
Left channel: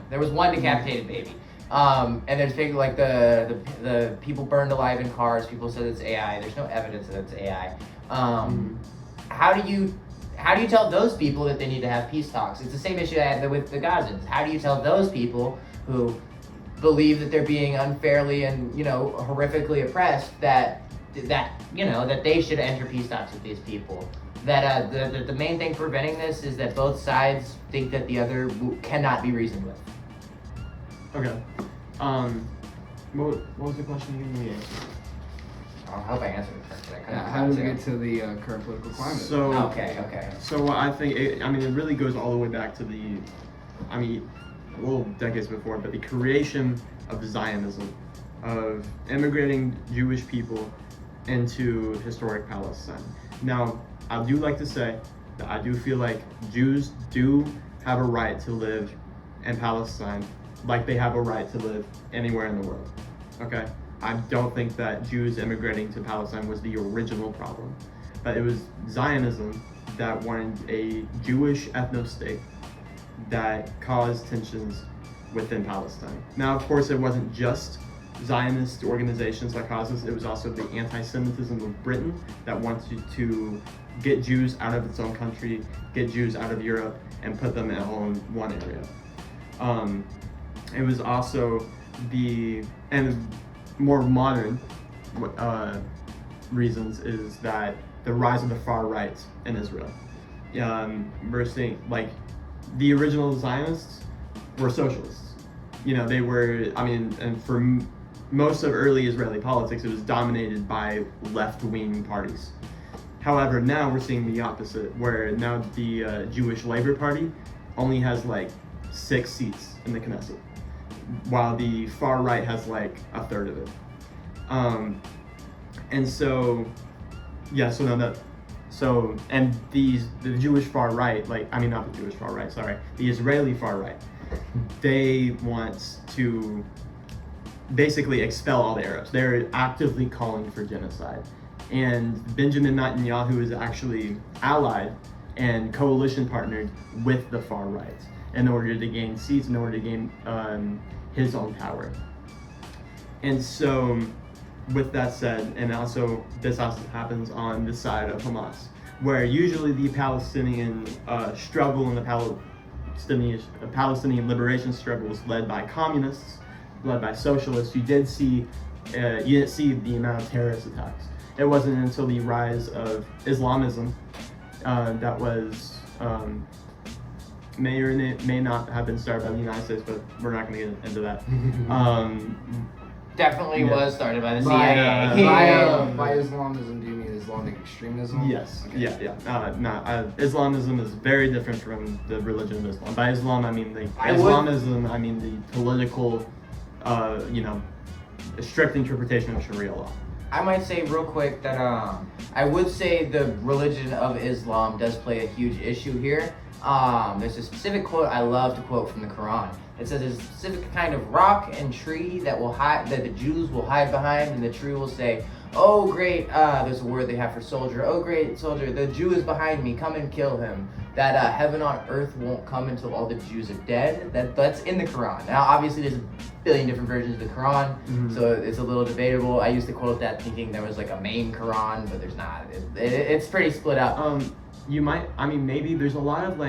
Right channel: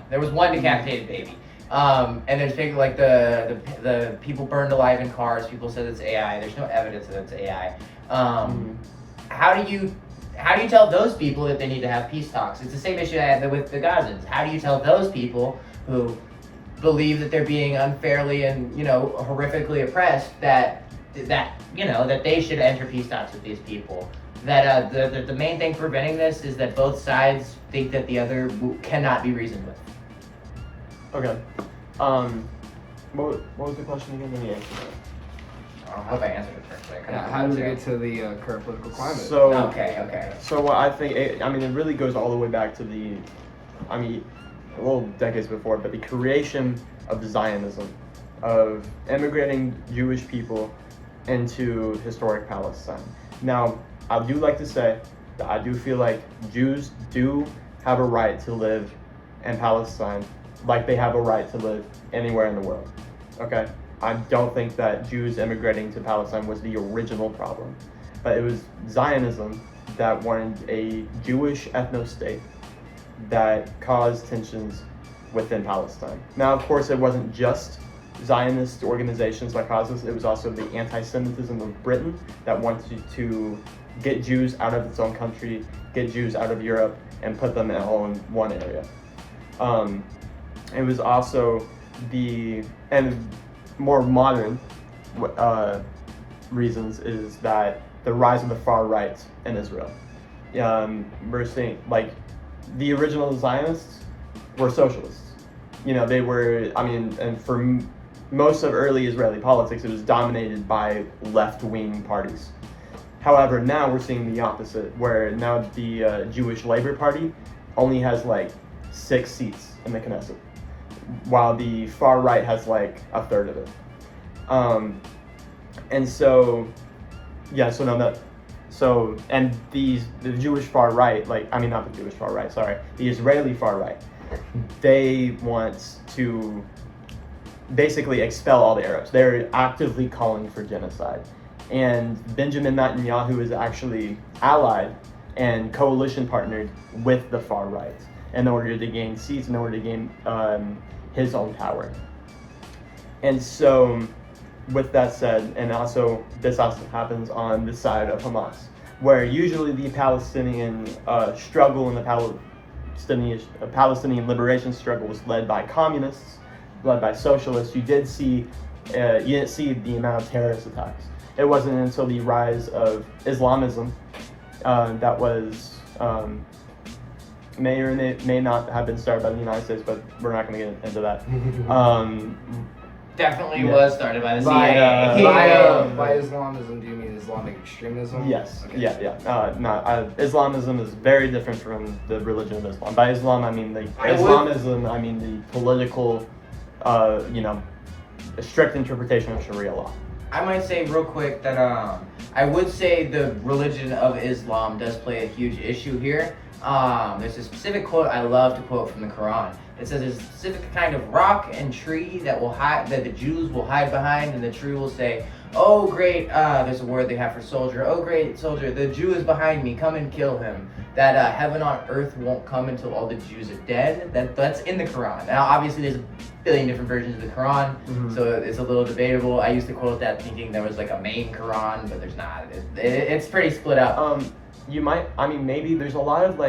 decapitated baby. And there's people like the people burned alive in cars. People said it's AI. There's no evidence that it's AI. How do you tell those people that they need to have peace talks? It's the same issue I had with the Gazans. How do you tell those people who believe that they're being unfairly and horrifically oppressed that they should enter peace talks with these people? That the main thing preventing this is that both sides think that the other cannot be reasoned with. Okay. What was the question again? Let me answer that. I hope I answered it correctly. How do we get to the current political climate? So Okay. So what I think, it really goes all the way back to decades before, but the creation of Zionism, of immigrating Jewish people into historic Palestine. Now, I do like to say that I do feel like Jews do have a right to live in Palestine, like they have a right to live anywhere in the world. Okay? I don't think that Jews immigrating to Palestine was the original problem, but it was Zionism that wanted a Jewish ethno-state that caused tensions within Palestine. Now, of course, it wasn't just Zionist organizations that caused this, it was also the anti-Semitism of Britain that wanted to get Jews out of its own country, get Jews out of Europe, and put them all in one area. It was also and more modern reasons is that the rise of the far right in Israel. We're seeing, like, the original Zionists were socialists. They were, and for most of early Israeli politics, it was dominated by left-wing parties. However, now we're seeing the opposite, where now the Jewish Labor Party only has like 6 seats in the Knesset, while the far right has like a third of it. And the Jewish far right, not the Jewish far right, sorry, the Israeli far right, they want to basically expel all the Arabs. They're actively calling for genocide. And Benjamin Netanyahu is actually allied and coalition partnered with the far right in order to gain seats, in order to gain his own power. And so, with that said, and also this also happens on the side of Hamas, where usually the Palestinian struggle and the Palestinian liberation struggle was led by communists, led by socialists. You didn't see the amount of terrorist attacks. It wasn't until the rise of Islamism that was may or may not have been started by the United States, but we're not going to get into that. Definitely Yeah. was started by the CIA. By Islamism, do you mean Islamic extremism? Yes. Okay. Yeah. Islamism is very different from the religion of Islam. By Islam, I mean the political, strict interpretation of Sharia law. I might say real quick that I would say the religion of Islam does play a huge issue here. There's a specific quote I love to quote from the Quran. It says there's a specific kind of rock and tree that the Jews will hide behind, and the tree will say, "Oh great," there's a word they have for soldier. "Oh great soldier, the Jew is behind me. Come and kill him." That heaven on earth won't come until all the Jews are dead. That's in the Quran. Now, obviously, there's a billion different versions of the Quran, so it's a little debatable. I used to quote that thinking there was like a main Quran, but there's not. It's pretty split up. Maybe there's a lot of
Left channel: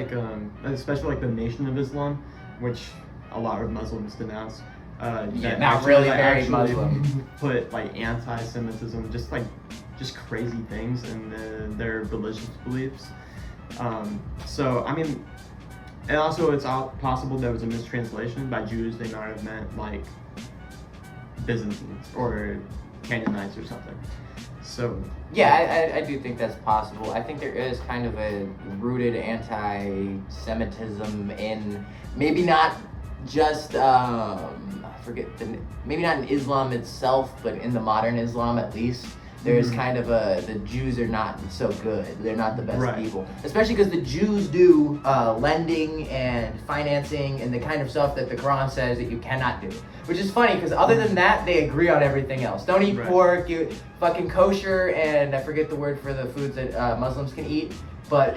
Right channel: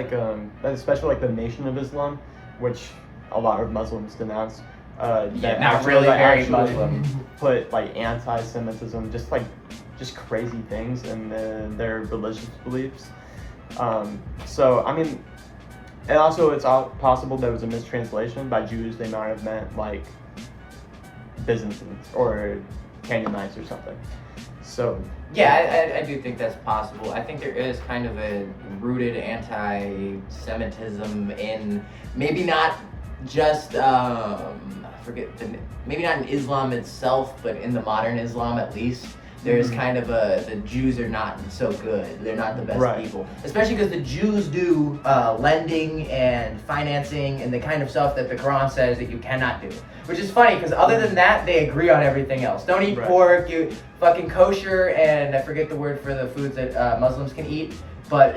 especially like the Nation of Islam, which a lot of Muslims denounce. Not really very Muslim. Put like anti-Semitism, just crazy things in their religious beliefs. And also it's possible there was a mistranslation. By Jews, they might have meant like Byzantines or Canaanites or something. So yeah, I do think that's possible. I think there is kind of a rooted anti-Semitism in maybe not just I forget maybe not in Islam itself, but in the modern Islam at least. There's kind of the Jews are not so good. They're not the best people, especially because the Jews do lending and financing and the kind of stuff that the Quran says that you cannot do. Which is funny because other than that, they agree on everything else. Don't eat pork, you fucking kosher, and I forget the word for the foods that Muslims can eat. But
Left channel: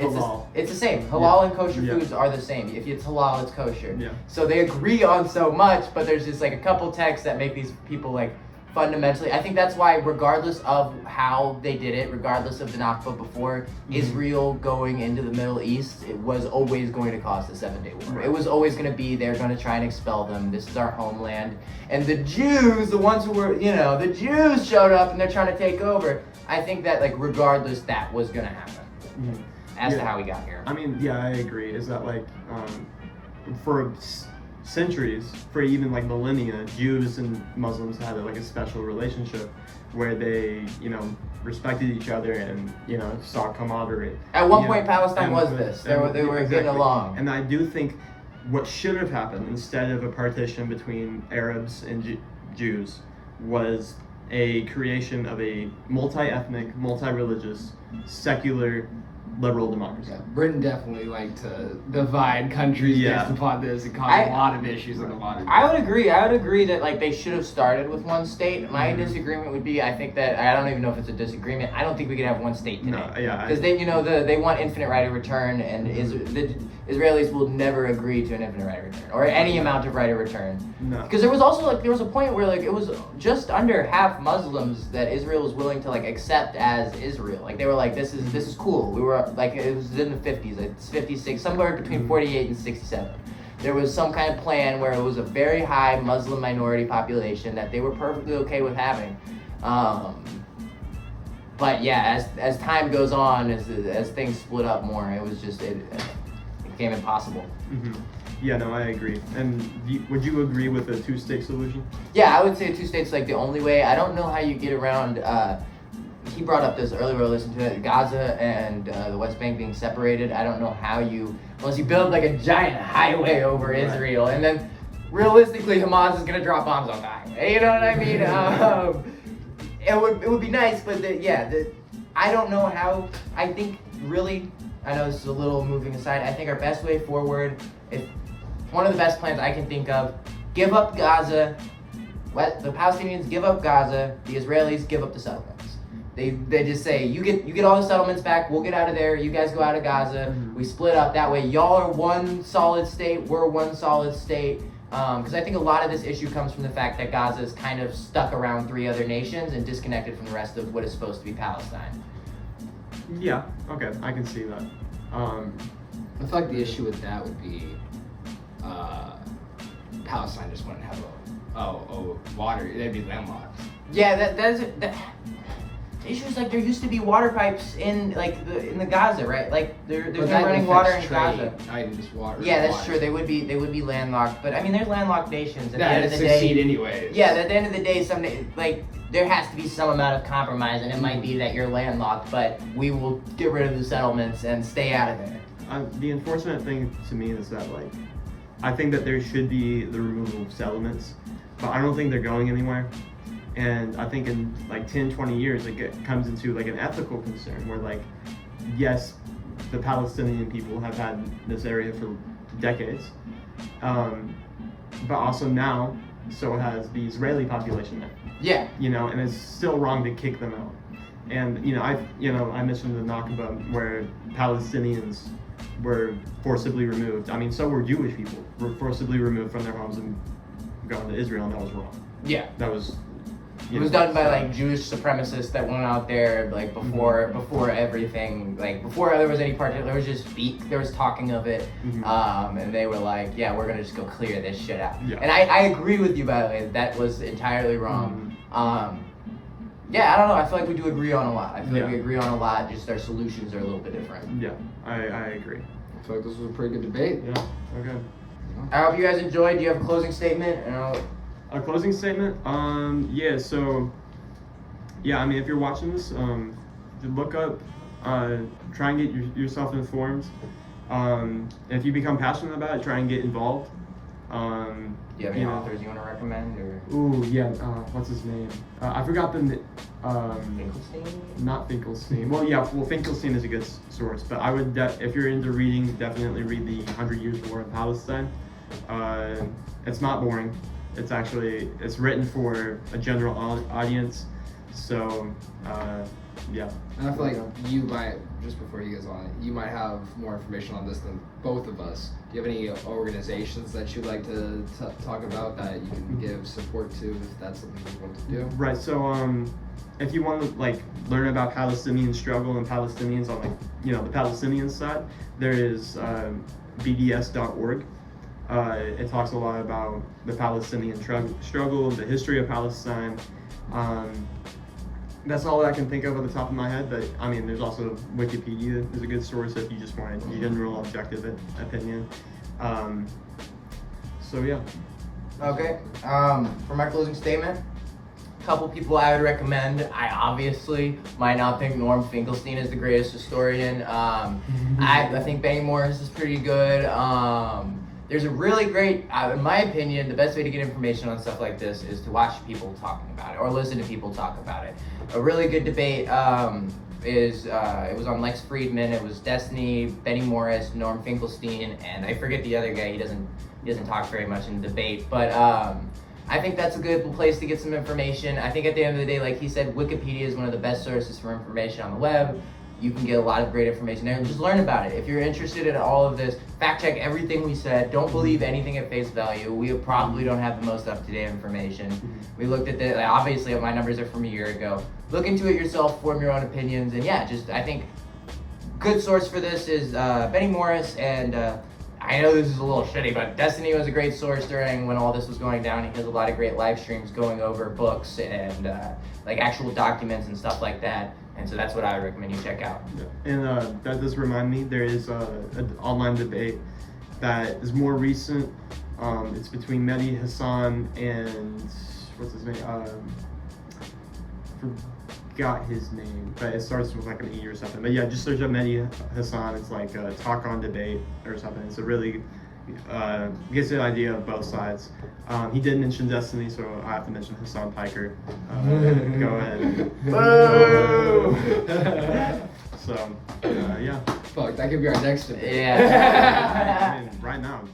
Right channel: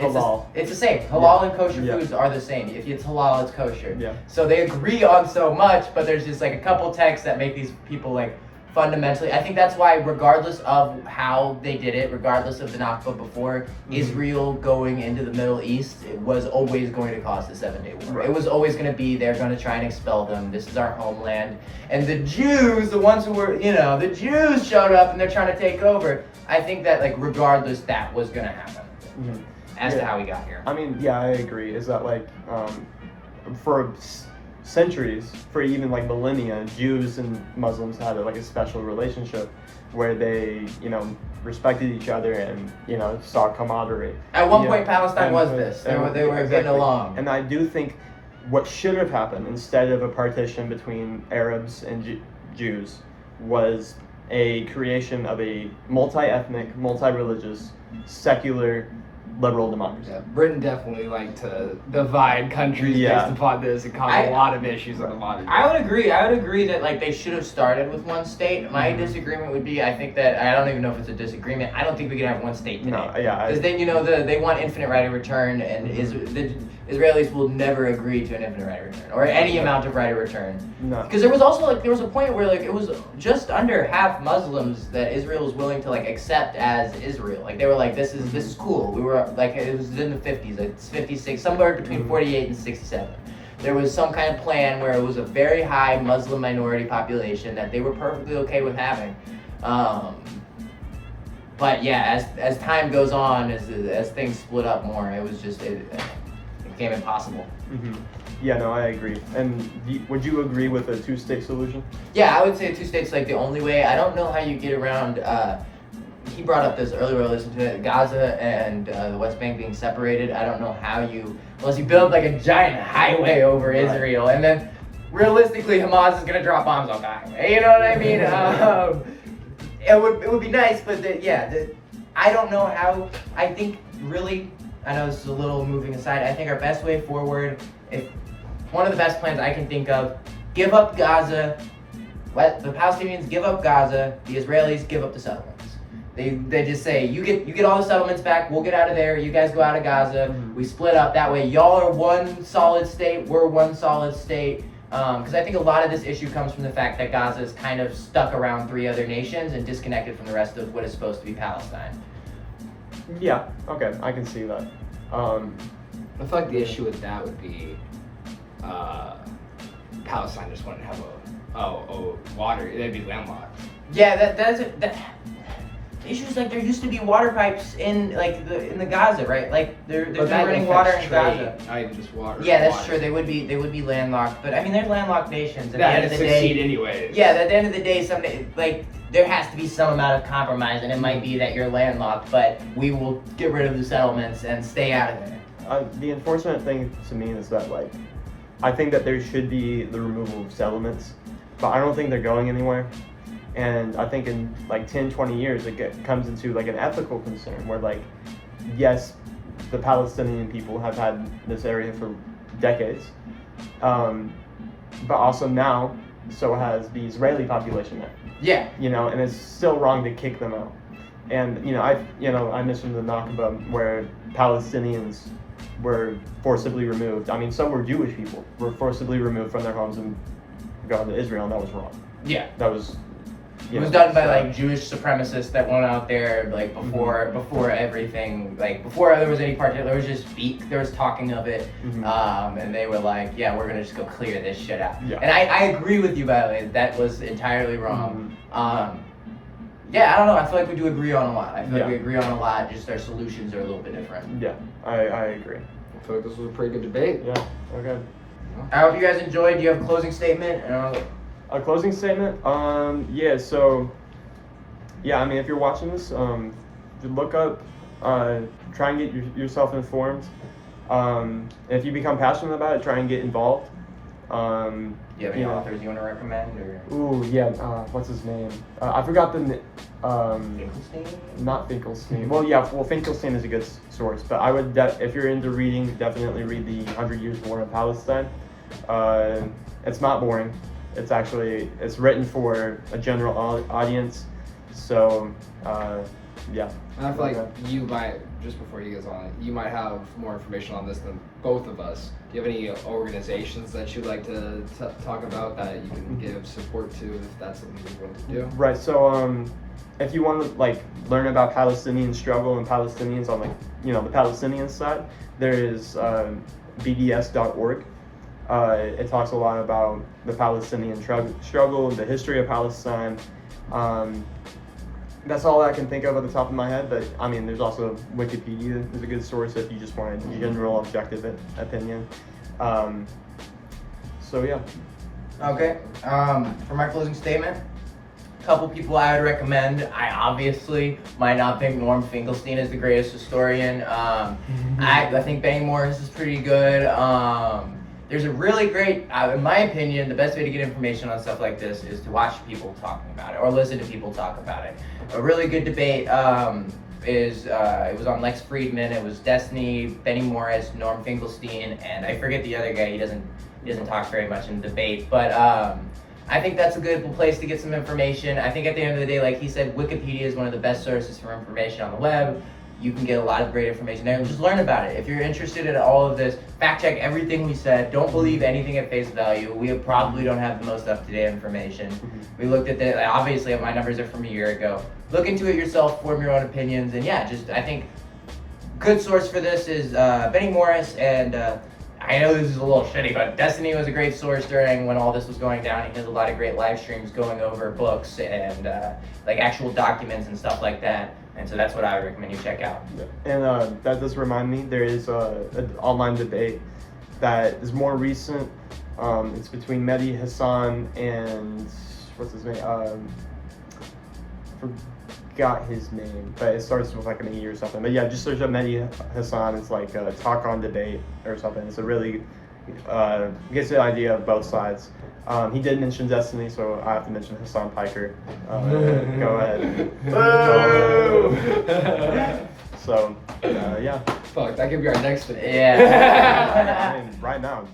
it's the same. Halal and kosher foods are the same. If it's halal, it's kosher. Yeah. So they agree on so much, but there's just like a couple texts that make these people like fundamentally, I think that's why, regardless of how they did it, regardless of the Nakba before, Israel going into the Middle East, it was always going to cause the 7-Day War. It was always going to be, they're going to try and expel them. This is our homeland. And the Jews, the ones who were, the Jews showed up and they're trying to take over. I think that, like, regardless, that was going to happen as to how we got here. I mean, yeah, I agree. Is that, like, for centuries, for even like millennia, Jews and Muslims had like a special relationship where they, respected each other and, saw camaraderie. At one point, Palestine was this. They were getting along. And I do think what should have happened instead of a partition between Arabs and Jews was a creation of a multi-ethnic, multi-religious, secular liberal democracy. Yeah, Britain definitely liked to divide countries based upon this and cause a lot of issues in the modern day. I would agree that like they should have started with one state. My disagreement would be, I think that, I don't even know if it's a disagreement, I don't think we could have one state today. No, yeah. Because they want infinite right of return, and the Israelis will never agree to an infinite right of return, or any amount of right of return. No. Because there was also like, there was a point where like it was just under half Muslims that Israel was willing to like accept as Israel. Like they were like, this is cool. We were like, it was in the 50s, like 56, somewhere between 48 and 67. There was some kind of plan where it was a very high Muslim minority population that they were perfectly okay with having. But yeah, as time goes on, as things split up more, it was just, it became impossible. Yeah, no, I agree. And would you agree with a two-state solution? Yeah, I would say two states like the only way. I don't know how you get around, he brought up this earlier, listened to it, Gaza and the West Bank being separated. I don't know how unless you build like a giant highway over Israel, and then realistically Hamas is going to drop bombs on that. You know what I mean? It would be nice, but I don't know how. I think really, I know this is a little moving aside, I think our best way forward, one of the best plans I can think of, give up Gaza, let the Palestinians give up Gaza, the Israelis give up the settlements. They just say, you get all the settlements back, we'll get out of there, you guys go out of Gaza, we split up, that way y'all are one solid state, we're one solid state. Because I think a lot of this issue comes from the fact that Gaza is kind of stuck around 3 other nations and disconnected from the rest of what is supposed to be Palestine. Yeah, okay, I can see that. I feel like the issue with that would be Palestine just wouldn't have water, they'd be landlocked. Yeah, the issue is like there used to be water pipes in the Gaza, right? Like there's running water in Gaza. Not even just water. Yeah, that's true. They would be landlocked, but I mean they're landlocked nations. At the end of the succeed day, anyways. Yeah, at the end of the day, there has to be some amount of compromise, and it might be that you're landlocked, but we will get rid of the settlements and stay out of it. The unfortunate thing to me is that I think that there should be the removal of settlements, but I don't think they're going anywhere. And I think in 10, 20 years, it comes into an ethical concern where yes, the Palestinian people have had this area for decades, but also now, so has the Israeli population there. Yeah. And it's still wrong to kick them out. And I mentioned the Nakba where Palestinians were forcibly removed. I mean, so were Jewish people were forcibly removed from their homes and gone to Israel, and that was wrong. Yeah. That was. It was done by Jewish supremacists that went out there before everything, before there was any part, there was just there was talking of it, and they were like, yeah, we're gonna just go clear this shit out. Yeah. And I agree with you, by the way, that was entirely wrong. Yeah, I don't know, I feel like we do agree on a lot. I feel like we agree on a lot, just our solutions are a little bit different. Yeah, I agree. I feel like this was a pretty good debate. Yeah, okay. I hope you guys enjoyed. Do you have a closing statement? A closing statement? I mean, if you're watching this, look up, try and get yourself informed. If you become passionate about it, try and get involved. Do you have any authors you want to recommend? Or? Ooh, yeah. What's his name? I forgot the. Finkelstein? Not Finkelstein. Well, yeah. Well, Finkelstein is a good source, but I would, if you're into reading, definitely read the 100 Years War in Palestine. It's not boring. It's written for a general audience. So, yeah. And I feel like you might, just before you guys on it, you might have more information on this than both of us. Do you have any organizations that you'd like to talk about that you can give support to if that's something you want to do? Right. So, if you want to learn about Palestinian struggle and Palestinians on the Palestinian side, there is BDS.org. It talks a lot about the Palestinian struggle, the history of Palestine. That's all I can think of at the top of my head, but I mean, there's also Wikipedia is a good source if you just want a general objective opinion. So yeah. Okay. For my closing statement, a couple people I would recommend. I obviously might not think Norm Finkelstein is the greatest historian. I think Benny Morris is pretty good. There's a really great, in my opinion, the best way to get information on stuff like this is to watch people talking about it or listen to people talk about it. A really good debate it was on Lex Friedman. It was Destiny, Benny Morris, Norm Finkelstein, and I forget the other guy. He doesn't talk very much in the debate, but I think that's a good place to get some information. I think at the end of the day, like he said, Wikipedia is one of the best sources for information on the web. You can get a lot of great information there and just learn about it. If you're interested in all of this, fact check everything we said. Don't believe anything at face value. We probably don't have the most up-to-date information. We looked at the, obviously my numbers are from a year ago. Look into it yourself, form your own opinions, and yeah, I think good source for this is Benny Morris, and I know this is a little shitty, but Destiny was a great source during when all this was going down. He has a lot of great live streams going over books and actual documents and stuff like that. And so that's what I would recommend you check out. And that does remind me, there is an online debate that is more recent. It's between Mehdi Hassan and, what's his name? Forgot his name, but it starts with an E or something. But yeah, just search up Mehdi Hassan. It's talk on debate or something. It's a really gets the idea of both sides. He did mention Destiny, so I have to mention Hassan Piker. Go ahead. So, yeah. Fuck, that could be our next debate. Yeah. I mean, right now.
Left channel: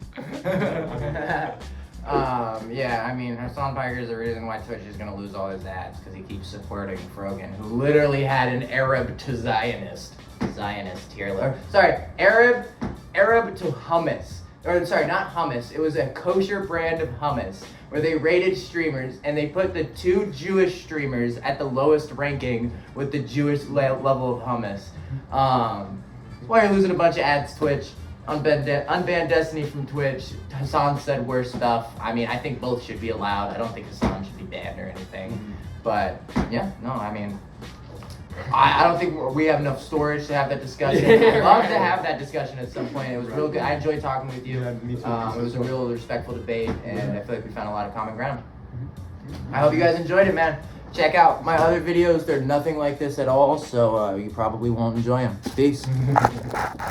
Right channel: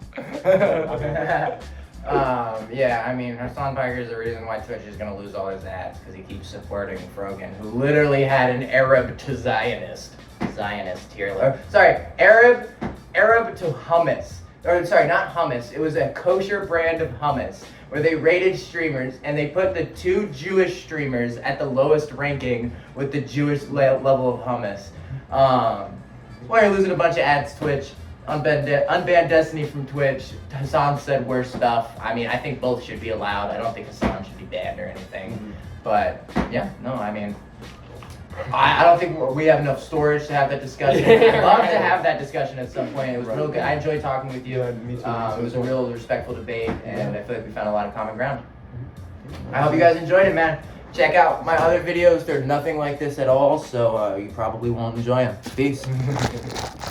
Yeah, I mean, Hassan Piker is the reason why Twitch is going to lose all his ads because he keeps supporting Frogan, who literally had an Arab to Zionist here. Arab to hummus. Or sorry, not hummus. It was a kosher brand of hummus where they rated streamers and they put the two Jewish streamers at the lowest ranking with the Jewish level of hummus. Why you're losing a bunch of ads, Twitch. Unban Destiny from Twitch. Hassan said worse stuff. I mean, I think both should be allowed. I don't think Hassan should be banned or anything. But yeah, no, I mean, I don't think we have enough storage to have that discussion. I'd love to have that discussion at some point. It was real good. I enjoyed talking with you. Yeah, me too. It was a real respectful debate, and I feel like we found a lot of common ground. I hope you guys enjoyed it, man. Check out my other videos. They're nothing like this at all, so you probably won't enjoy them. Peace.